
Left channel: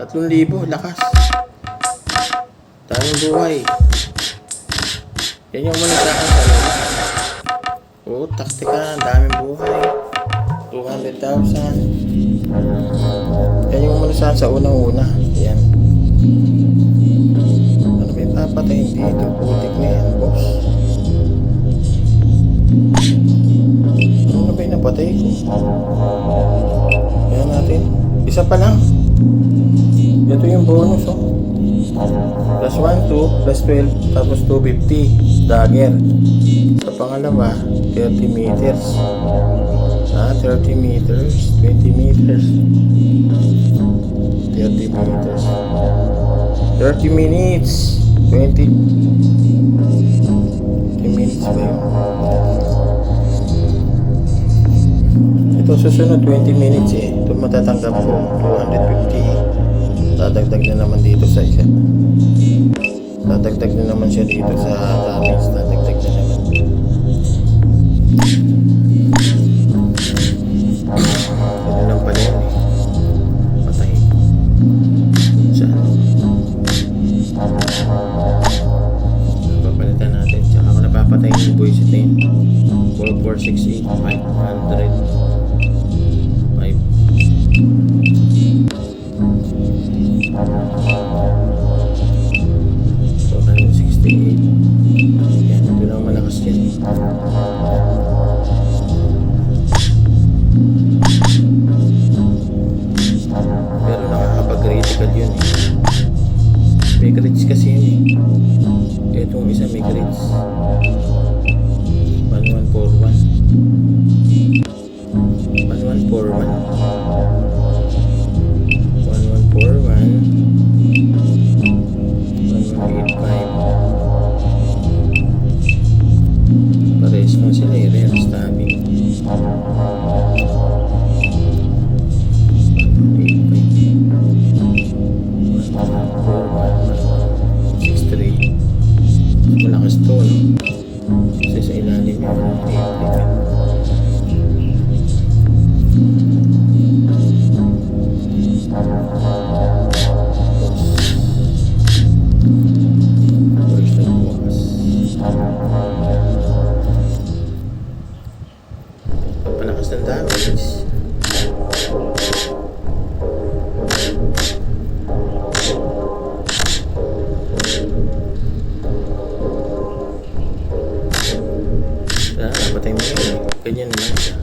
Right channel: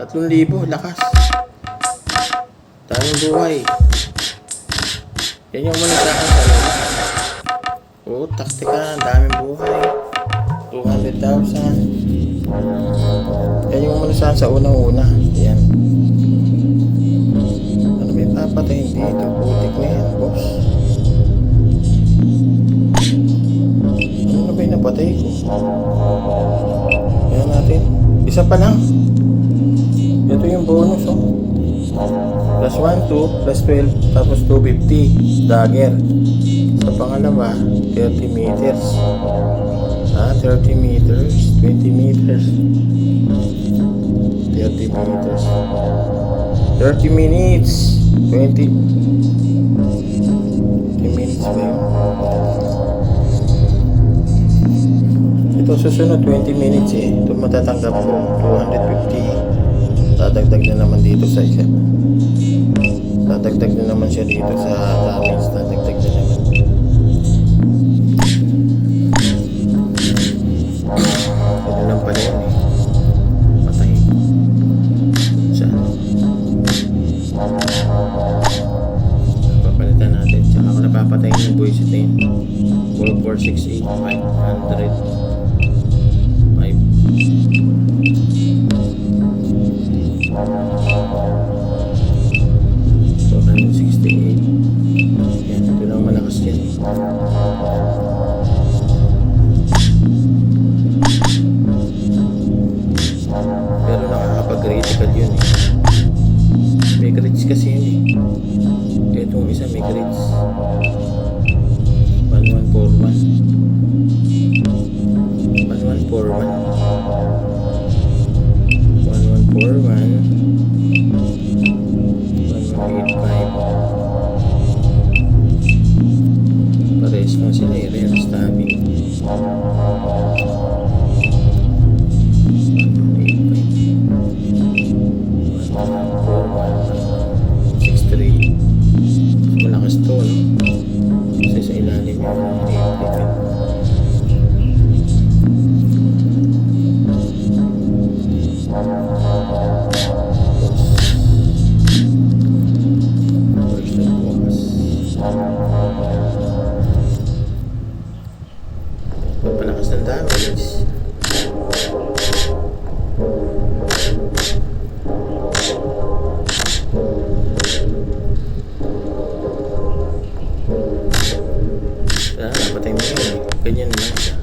3,000. Lakas. Daming buhay. Yan yung muna sa akin. Oh, taktika. Daming buhay. 200,000. Yan yung muna sa unang-una. Yan. Ano may papatayin dito? Putik na yan, boss. Ano na ba yung napatay ko? Yan natin. Isa pa lang. Ito yung bonus, oh. Plus 1, 2, plus 12, tapos 250. Dagger. Sa pangalawa, 30 meters. 30 meters, 20 meters, 30 meters, 30 minutes, 20 minutes ba yun? Ito susunod 20 minutes eh. Ito matatanggap ko 250. Dadagdag na naman dito sa isa. Dadagdag na naman siya dito sa damage. Dadagdag na naman. Ito lang pala yun eh. Patay. Saan? Papalitan natin. Tsaka ako napapatay yung buwisit na yun. 4468 500 5 468. Yan, ito lang malakas yan. Pero nakakapag-critical yun eh. May crits kasi yun eh. Itong isa may crits. 1141 1141 1185. Pares lang sila eh. Rare stabbing. 63. Malakas to, no? Kasi sa ilalim yung 8. First na bukas. Pagpalakas ng damage. Napatay mo yun. Ganyan lang siya.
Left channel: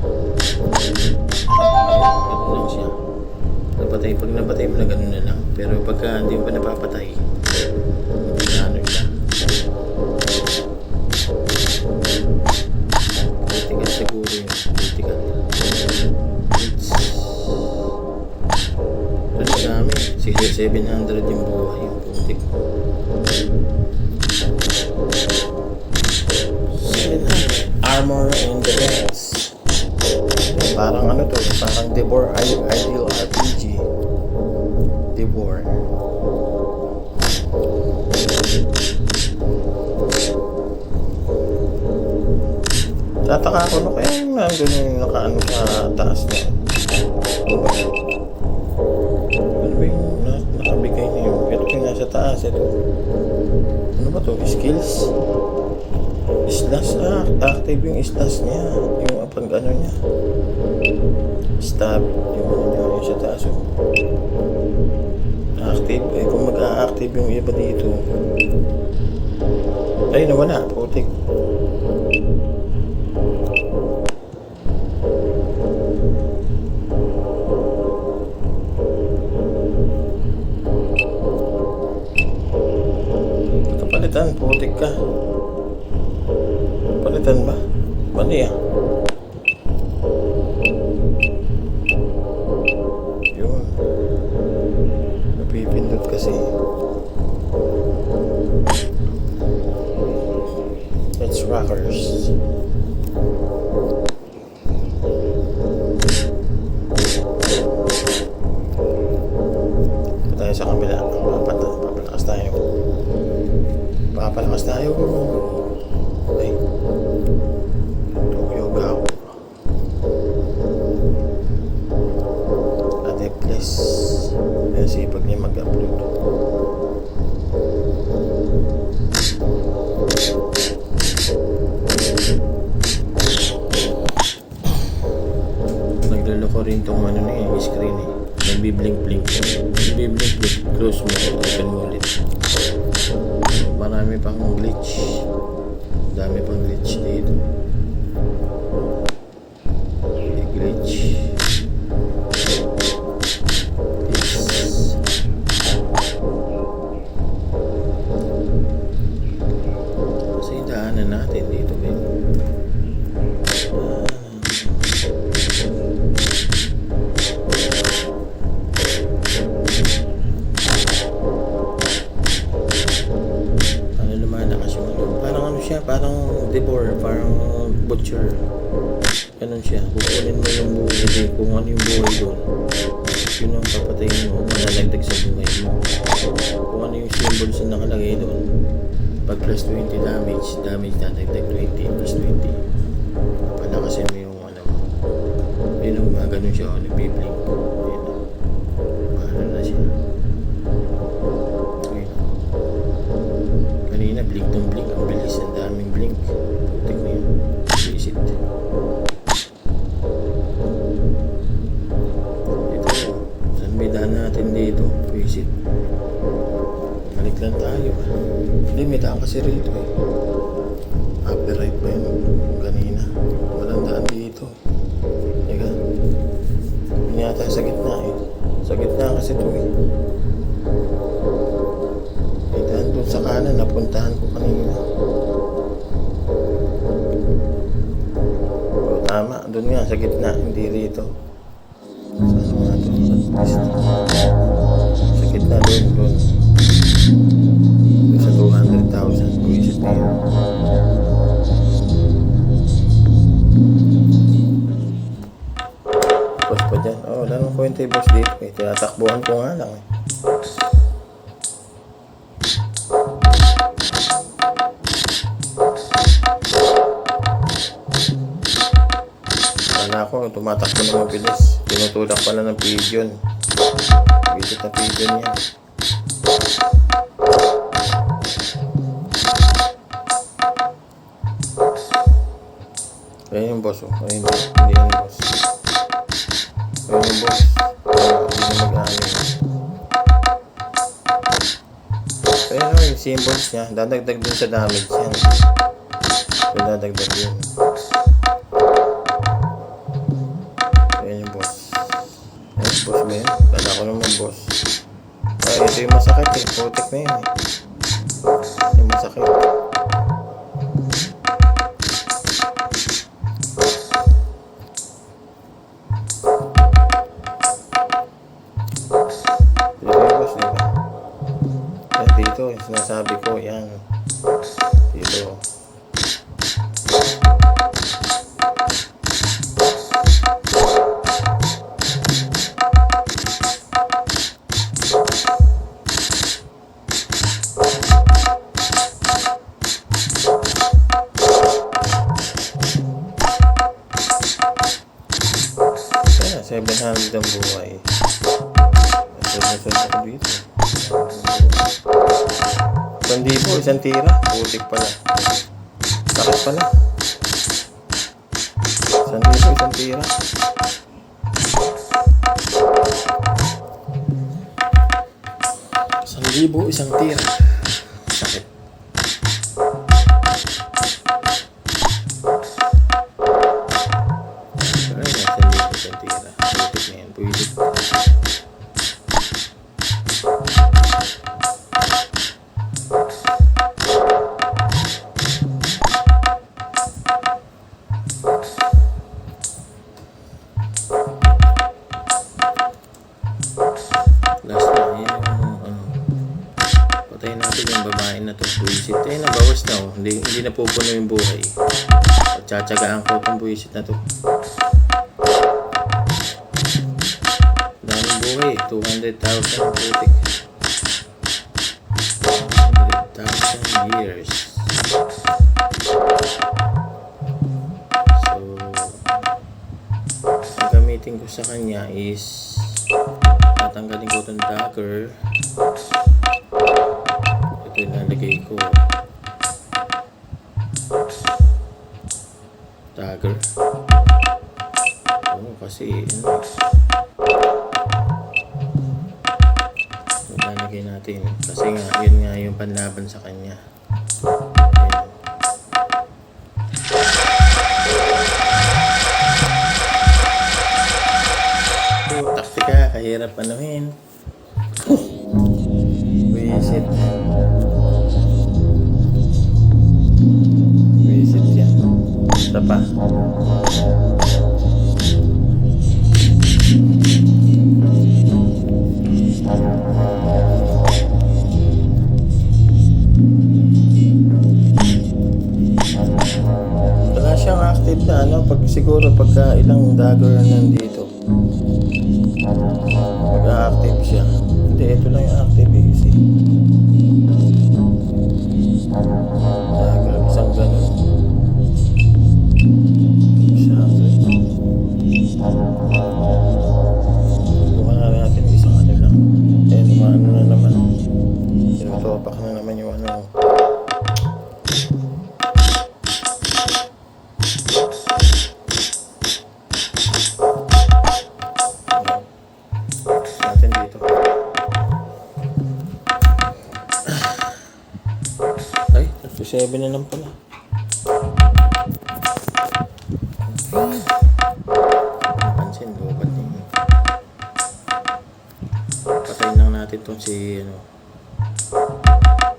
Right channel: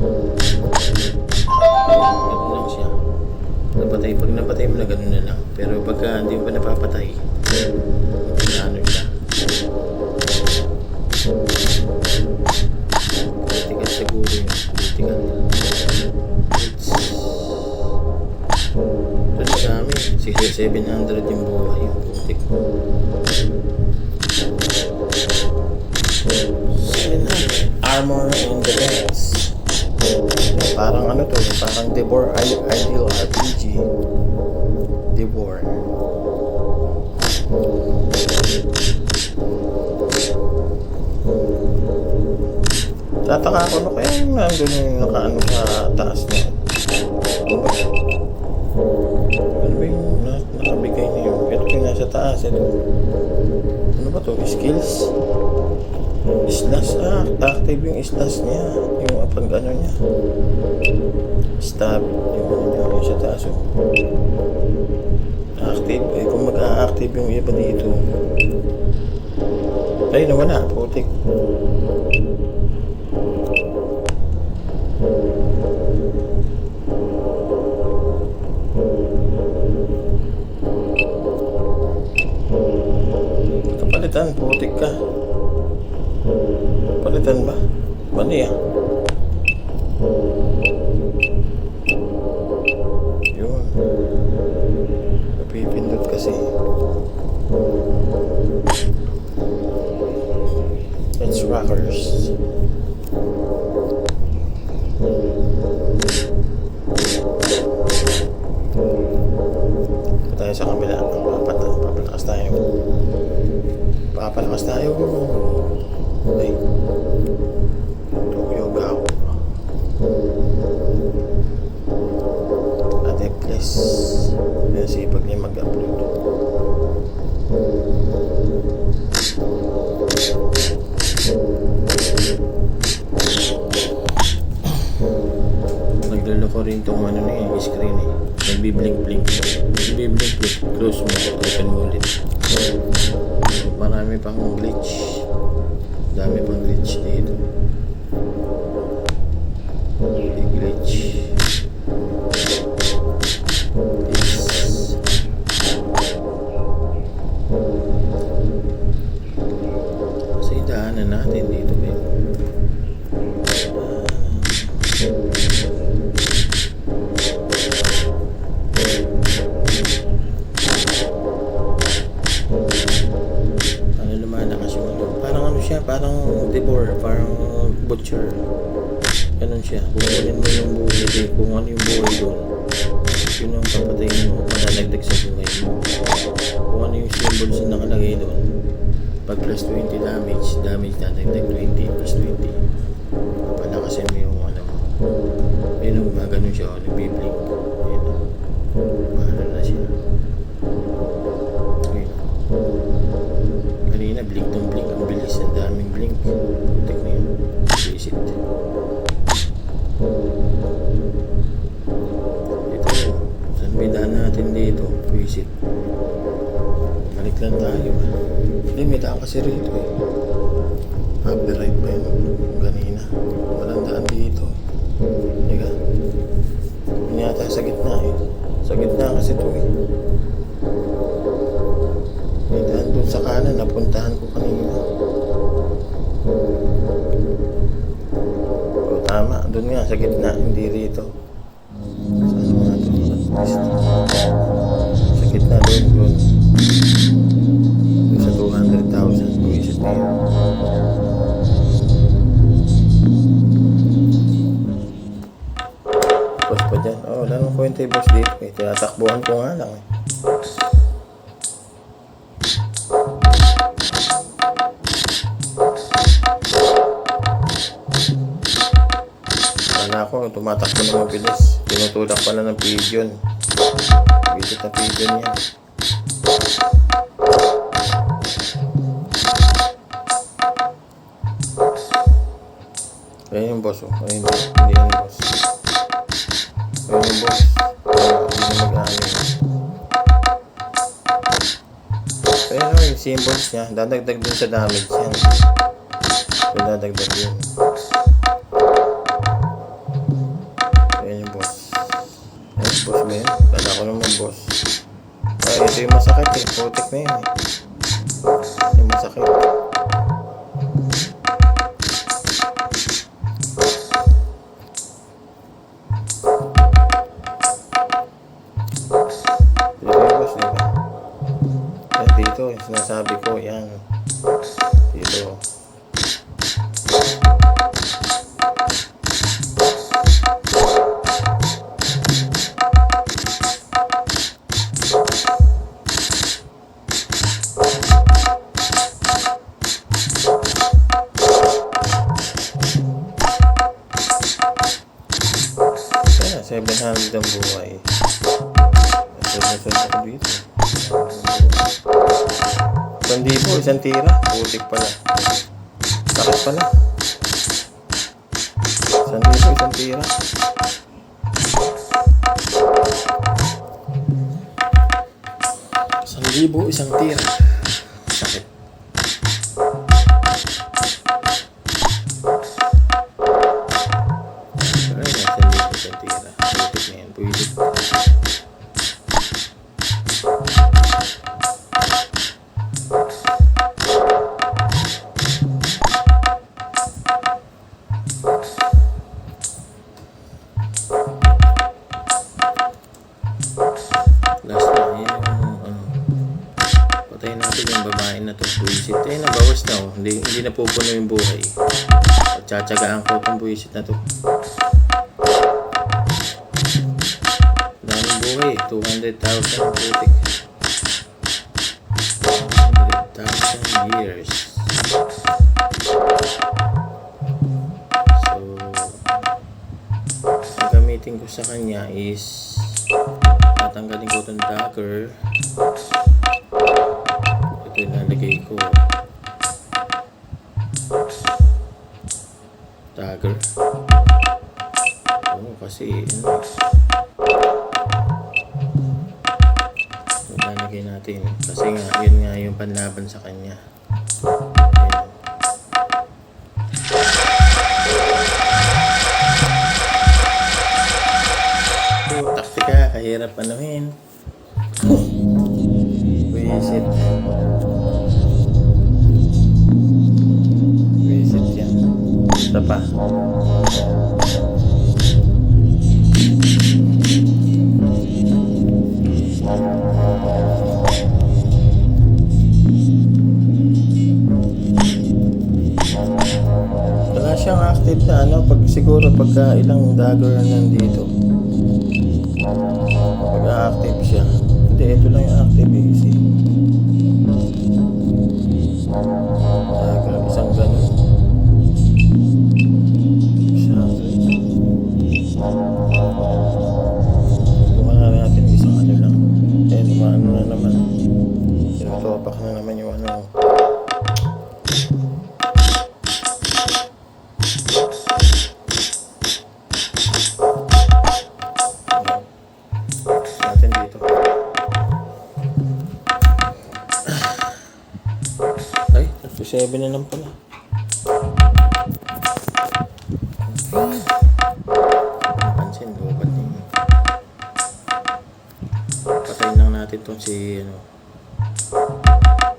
Ganyan lang siya. Pag napatay mo na ganun na lang. Pero pagka hindi mo pa napapatay, ano siya. Critical siguro yun. Critical. Ano sa amin? 700 yung buhay. Yung putik mo. 700. Armor and defense. Parang ano to, parang Devor Ideal RPG. Devor. Tataka ako no kaya yung nandun yung nakaano sa taas niya. Ano ba yung nakabigay na yun? Ito yung nasa taas. Ito. Ano ba to? Skills? Slash, active yung slash niya. Yung pag ano niya. Stab. Yung ano niya, yung sa taas. Active. Eh, kung mag-a-active yung iba dito. Ay, nawala. Putik. Kapalitan, putik ka. Palitan ba? Mali ah. Yun. Napipindot kasi. It's rockers. Tayo sa kabila. Papalakas tayo. Papalakas tayo. Ay. Tokyo Gao. Ate please. Kaya sipag niya mag-upload. ko rin tong ano na yung screen eh. Nagbi-blink-blink. Nagbi-blink-blink. Close mo. Open mo ulit. Marami pang glitch. Dami pang glitch dito. Glitch. Kasi daanan natin dito ba yun? Parang devore, parang butcher. Ganun siya. Kukunin mo yung buhay, kung ano yung buhay doon. Yun ang papatayin mo, malalagdag sa buhay mo. Kung ano yung symbols na nakalagay doon. Pag plus 20 damage dadagdag 20 plus 20. Palakasin mo yung ano mo. Yun ang ganun siya, nagbiblink. Yun. Paano na siya. Kanina blink ng blink, ang bilis, ang daming blink. Tek na yun, visit. Ito, saan may daan natin dito? Visit. Balik lang tayo. Hindi, may daan kasi rito eh. Copyright ba yun? Kanina. Walang daan dito. Teka. Yun yata sa gitna eh. Sa gitna kasi ito eh. Doon sa kanan, napuntahan ko kanina. O, tama, doon nga, sa gitna, hindi rito. Saan nga doon? Sa gitna, doon. Doon sa 200,000, buwisit na yun. Boss pa dyan. Oh, wala nang kwenta yung boss dito eh. Tinatakbuhan ko nga lang eh. Ako, tumatakbo na mabilis. Tinutulak pala ng pigeon. Visit na pigeon yan. Ayan yung boss. Oh. Ayan, hindi yan boss. Ayan yung boss. Hindi na mag-ano. Ayan o, yung symbols niya. Dadagdag din sa damage yan. Dadagdag yun. Boss ba yun? Kala ko naman boss. Ay, ito yung masakit eh. Putik na yun eh. Yung masakit. Dito yung boss, diba? Yan, dito. Yung sinasabi ko, yan. Dito. Kaya 700 ang buhay. Sunod ako dito. 1,000, isang tira. Putik pala. Sakit pala. 1,000, isang tira. Isang tira. Sakit. Pero yun, 1,000 isang tira. Putik na yan. Puwilit. Last na yun. Patayin natin yung babae na to. Buwisit. Ayun na, bawas na oh. Hindi na pupuno yung buhay. Tsatsagaan ko itong buwisit na to. Daming buhay. 200,000 ang putik. 200,000 years. So, ang gamitin ko sa kanya is tatanggalin ko itong dagger. Ito yung nalagay ko. Dagger. Oh, kasi ano, lalagay natin kasi nga yun nga yung panlaban sa kanya. Ayan. So, taktika, kahirap anuhin. Visit. Visit yan. Isa pa. Wala siyang active na ano, pag siguro pagka ilang dagger na nandito. Pag-active siya. Hindi, ito lang yung active easy. Dagger, isang ganun. Buka na natin isang ano lang. Eh, ano na naman. Tinutopak na naman yung ano. Natin dito. Ay, 37 na lang pala. Pansin, lubat niya. Patayin lang natin tong si ano,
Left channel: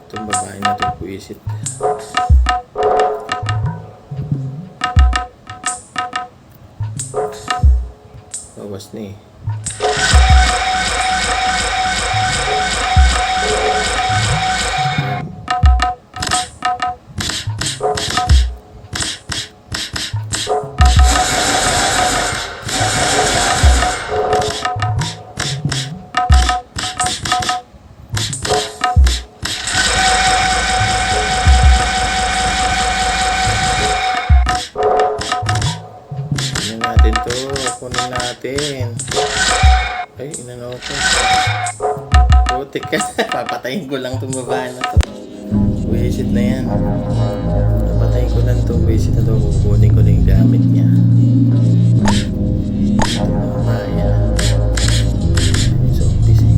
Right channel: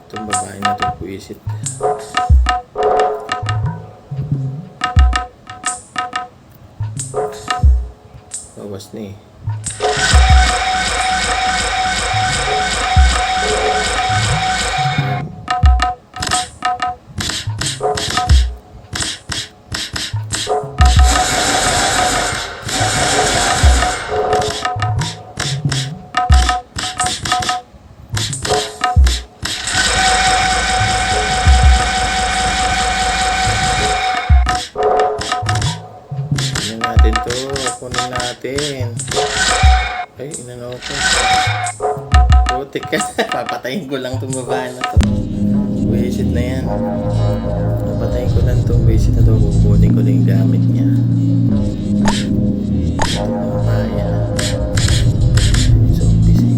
itong babae na itong puwisit. Bawas na eh. Kunin natin. Ay, inano ko. Putik ka. Papatayin ko lang itong babae na to. Wisit na yan. Papatayin ko lang itong wisit na to. Kukunin ko na yung gamit niya. Ito na babae yan. So, busy.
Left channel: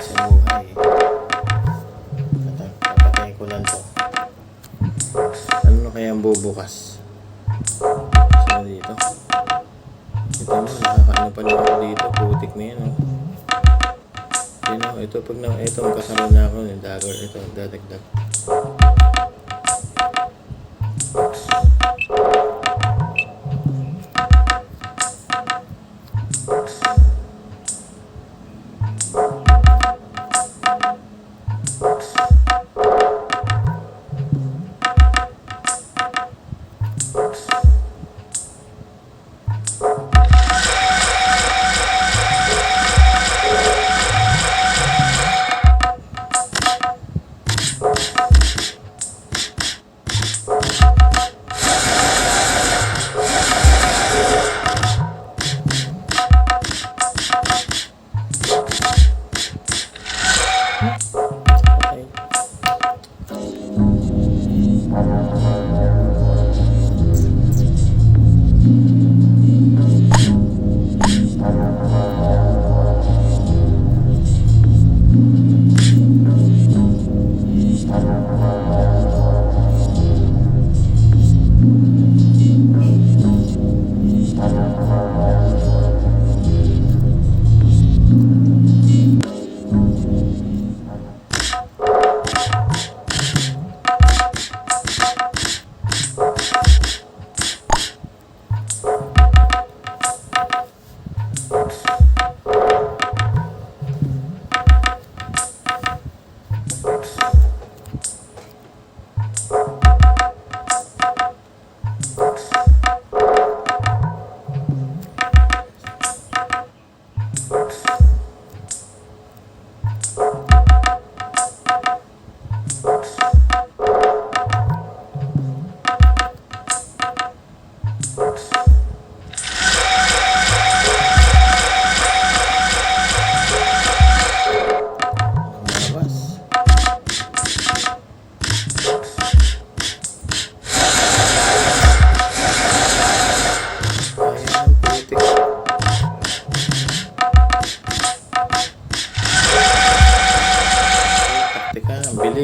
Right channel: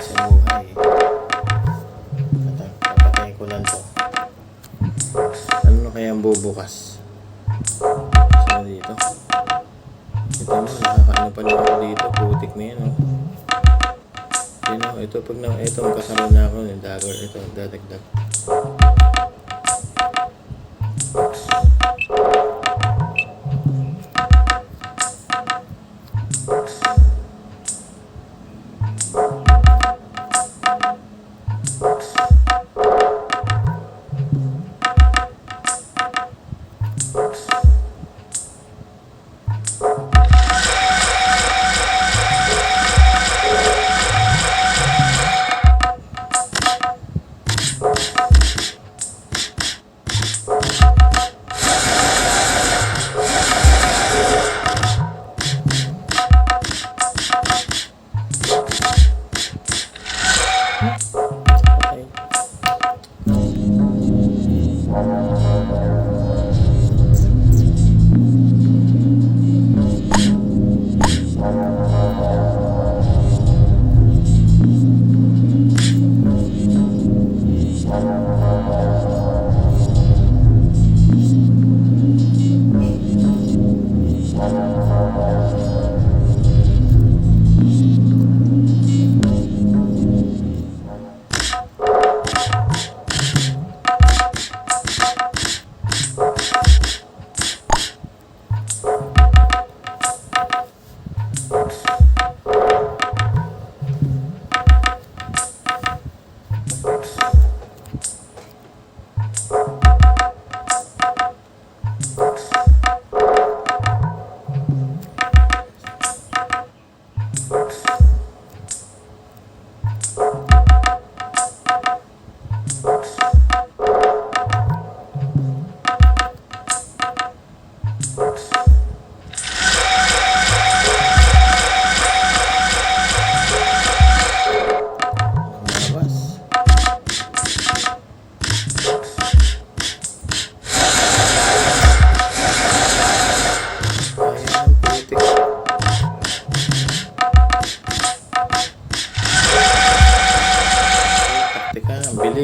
Sa buhay. Papatayin ko lang to. Ano kaya ang bubukas? Sino dito? Ito mo, nakakaano pa lang ako dito. Putik na yan, oh. Yun, oh. Ito, pag na, ito, magkakaroon na ako ng dagger. Ito, dadagdag.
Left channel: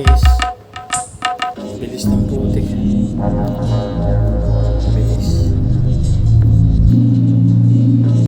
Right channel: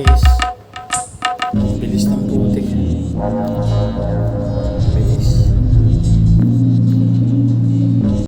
bilis.